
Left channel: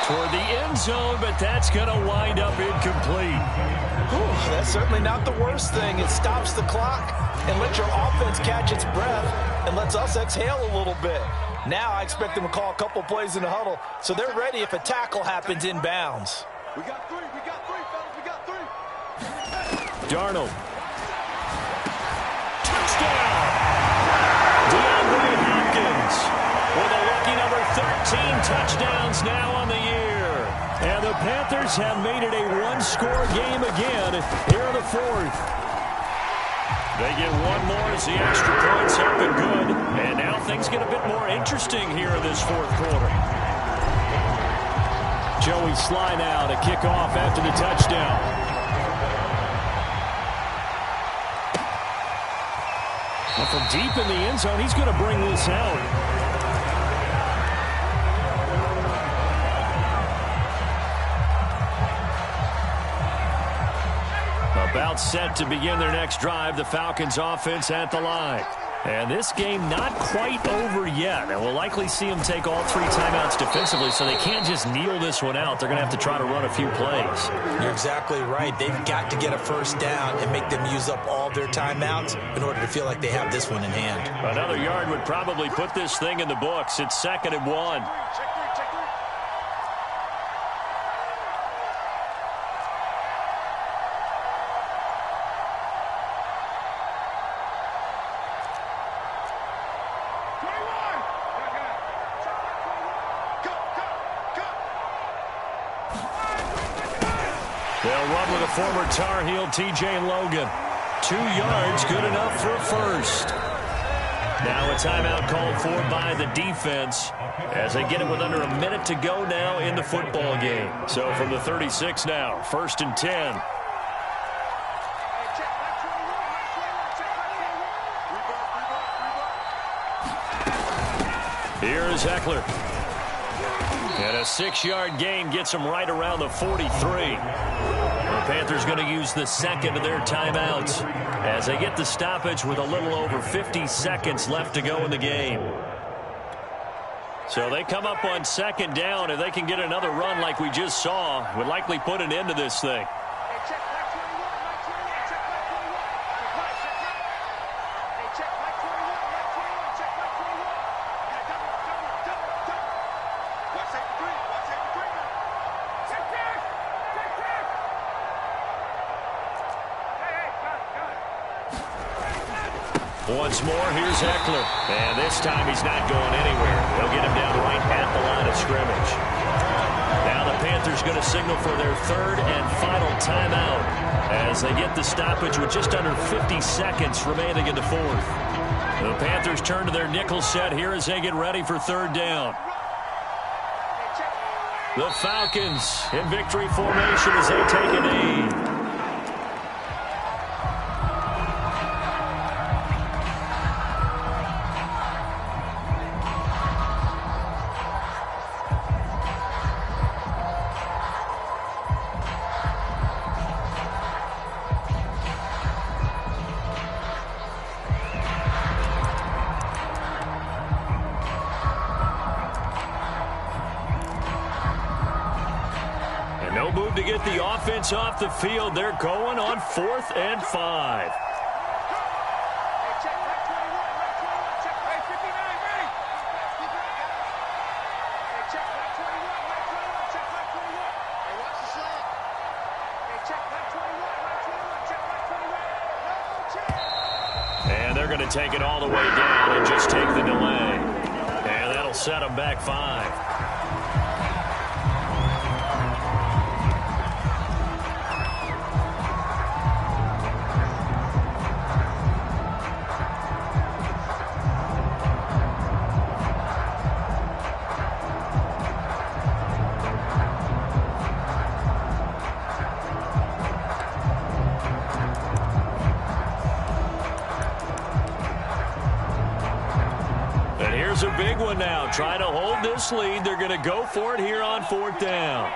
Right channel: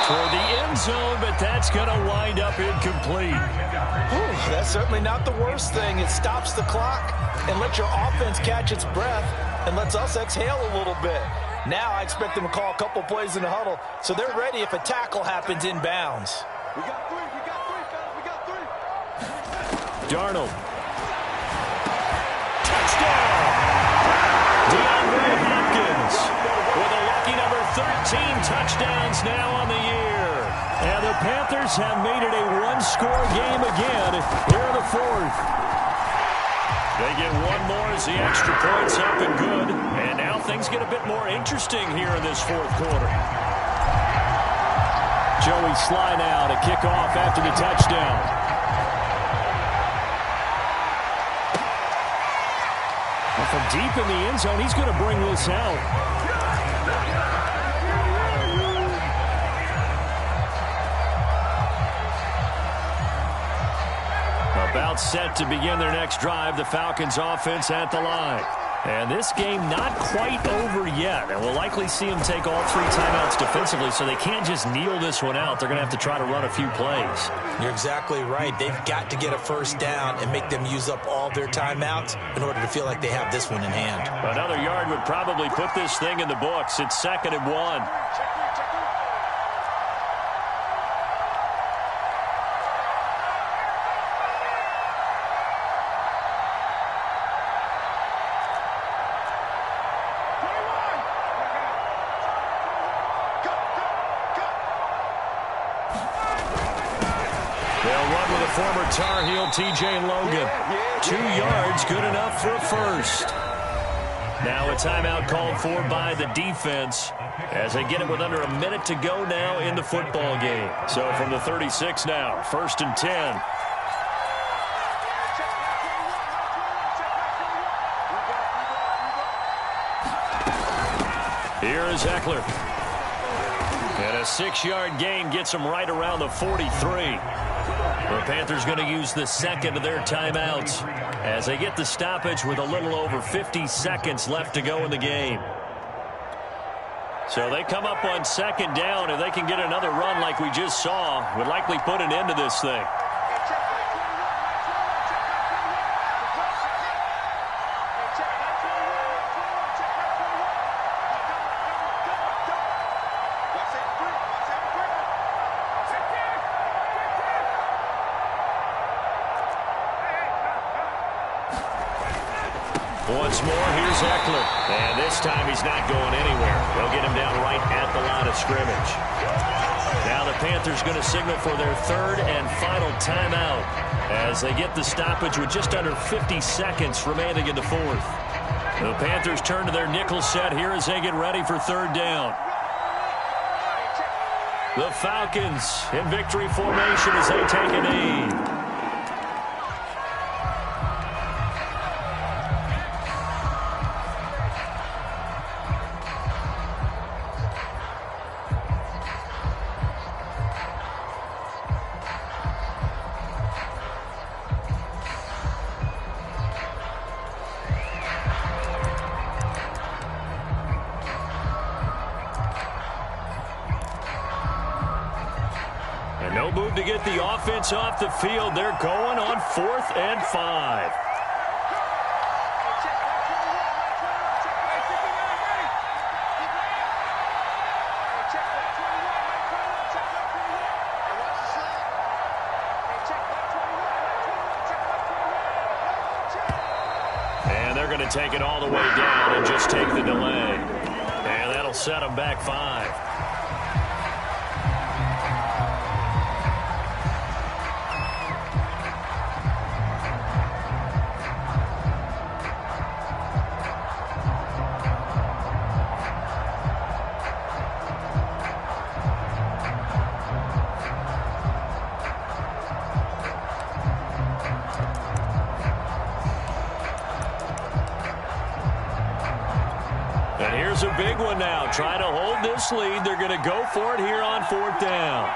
Toward the end zone, but that's going to wind up incomplete. Whew, that's certainly not the worst thing. It stops the clock and lets your offense catch its breath and lets us exhale a little bit. Now I expect them to call a couple plays in the huddle, so they're ready if a tackle happens inbounds. We got 3, fellas, we got 3. Darnold. Touchdown! DeAndre Hopkins with a lucky number 13 touchdowns now on the year. And the Panthers have made it a 1-score game again here in the 4th. They get one more as the extra point's up and good. And now things get a bit more interesting here in this 4th quarter. Joey Sly now to kick off after the touchdown. Well, from deep in the end zone, he's going to bring this out. About set to begin their next drive, the Falcons offense at the line. And this game not quite over yet. And we'll likely see them take all 3 timeouts defensively, so they can't just kneel this one out. They're going to have to try to run a few plays. You're exactly right. They've got to get a first down and make them use up all their timeouts in order to feel like they have this one in hand. Another yard would probably put this thing in the books. It's 2nd and 1. They'll run with a former Tar Heel, T.J. Logan. 2 yards, good enough for a first. Now a timeout called for by the defense as they get it with under a minute to go now in the football game. So from the 36 now, 1st and 10. Here is Eckler. And a 6-yard gain gets them right around the 43. The Panthers going to use the 2nd of their timeouts as they get the stoppage with a little over 50 seconds left to go in the game. So they come up on 2nd down. If they can get another run like we just saw, would likely put an end to this thing. Once more, here's Eckler. And this time he's not going anywhere. They'll get him down right at the line of scrimmage. Now the Panthers going to signal for their 3rd and final timeout as they get the stoppage with just under 50 seconds remaining in the 4th. The Panthers turn to their nickel set here as they get ready for 3rd down. The Falcons in victory formation as they take a knee. No move to get the offense off the field. They're going on 4th and 5. And they're going to take it all the way down and just take the delay. And that'll set them back 5. And here's a big one now. Trying to hold this lead. They're going to go for it here on 4th down.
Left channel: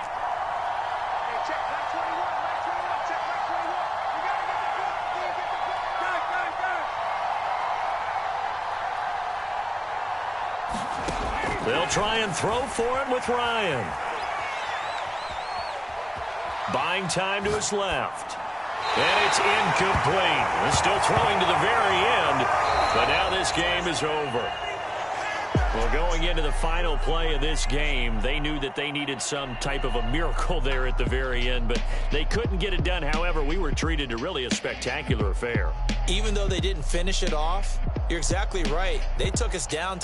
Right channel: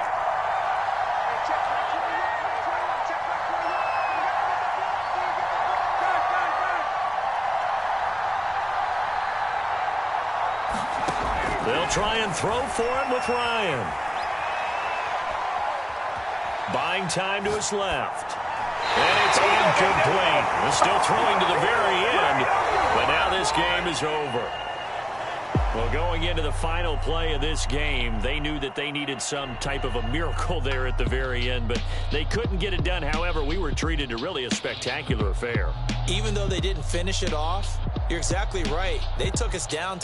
They'll try and throw for it with Ryan. Buying time to his left. And it's incomplete. They're still throwing to the very end. But now this game is over. Well, going into the final play of this game, they knew that they needed some type of a miracle there at the very end, but they couldn't get it done. However, we were treated to really a spectacular affair. Even though they didn't finish it off, you're exactly right. They took us down to the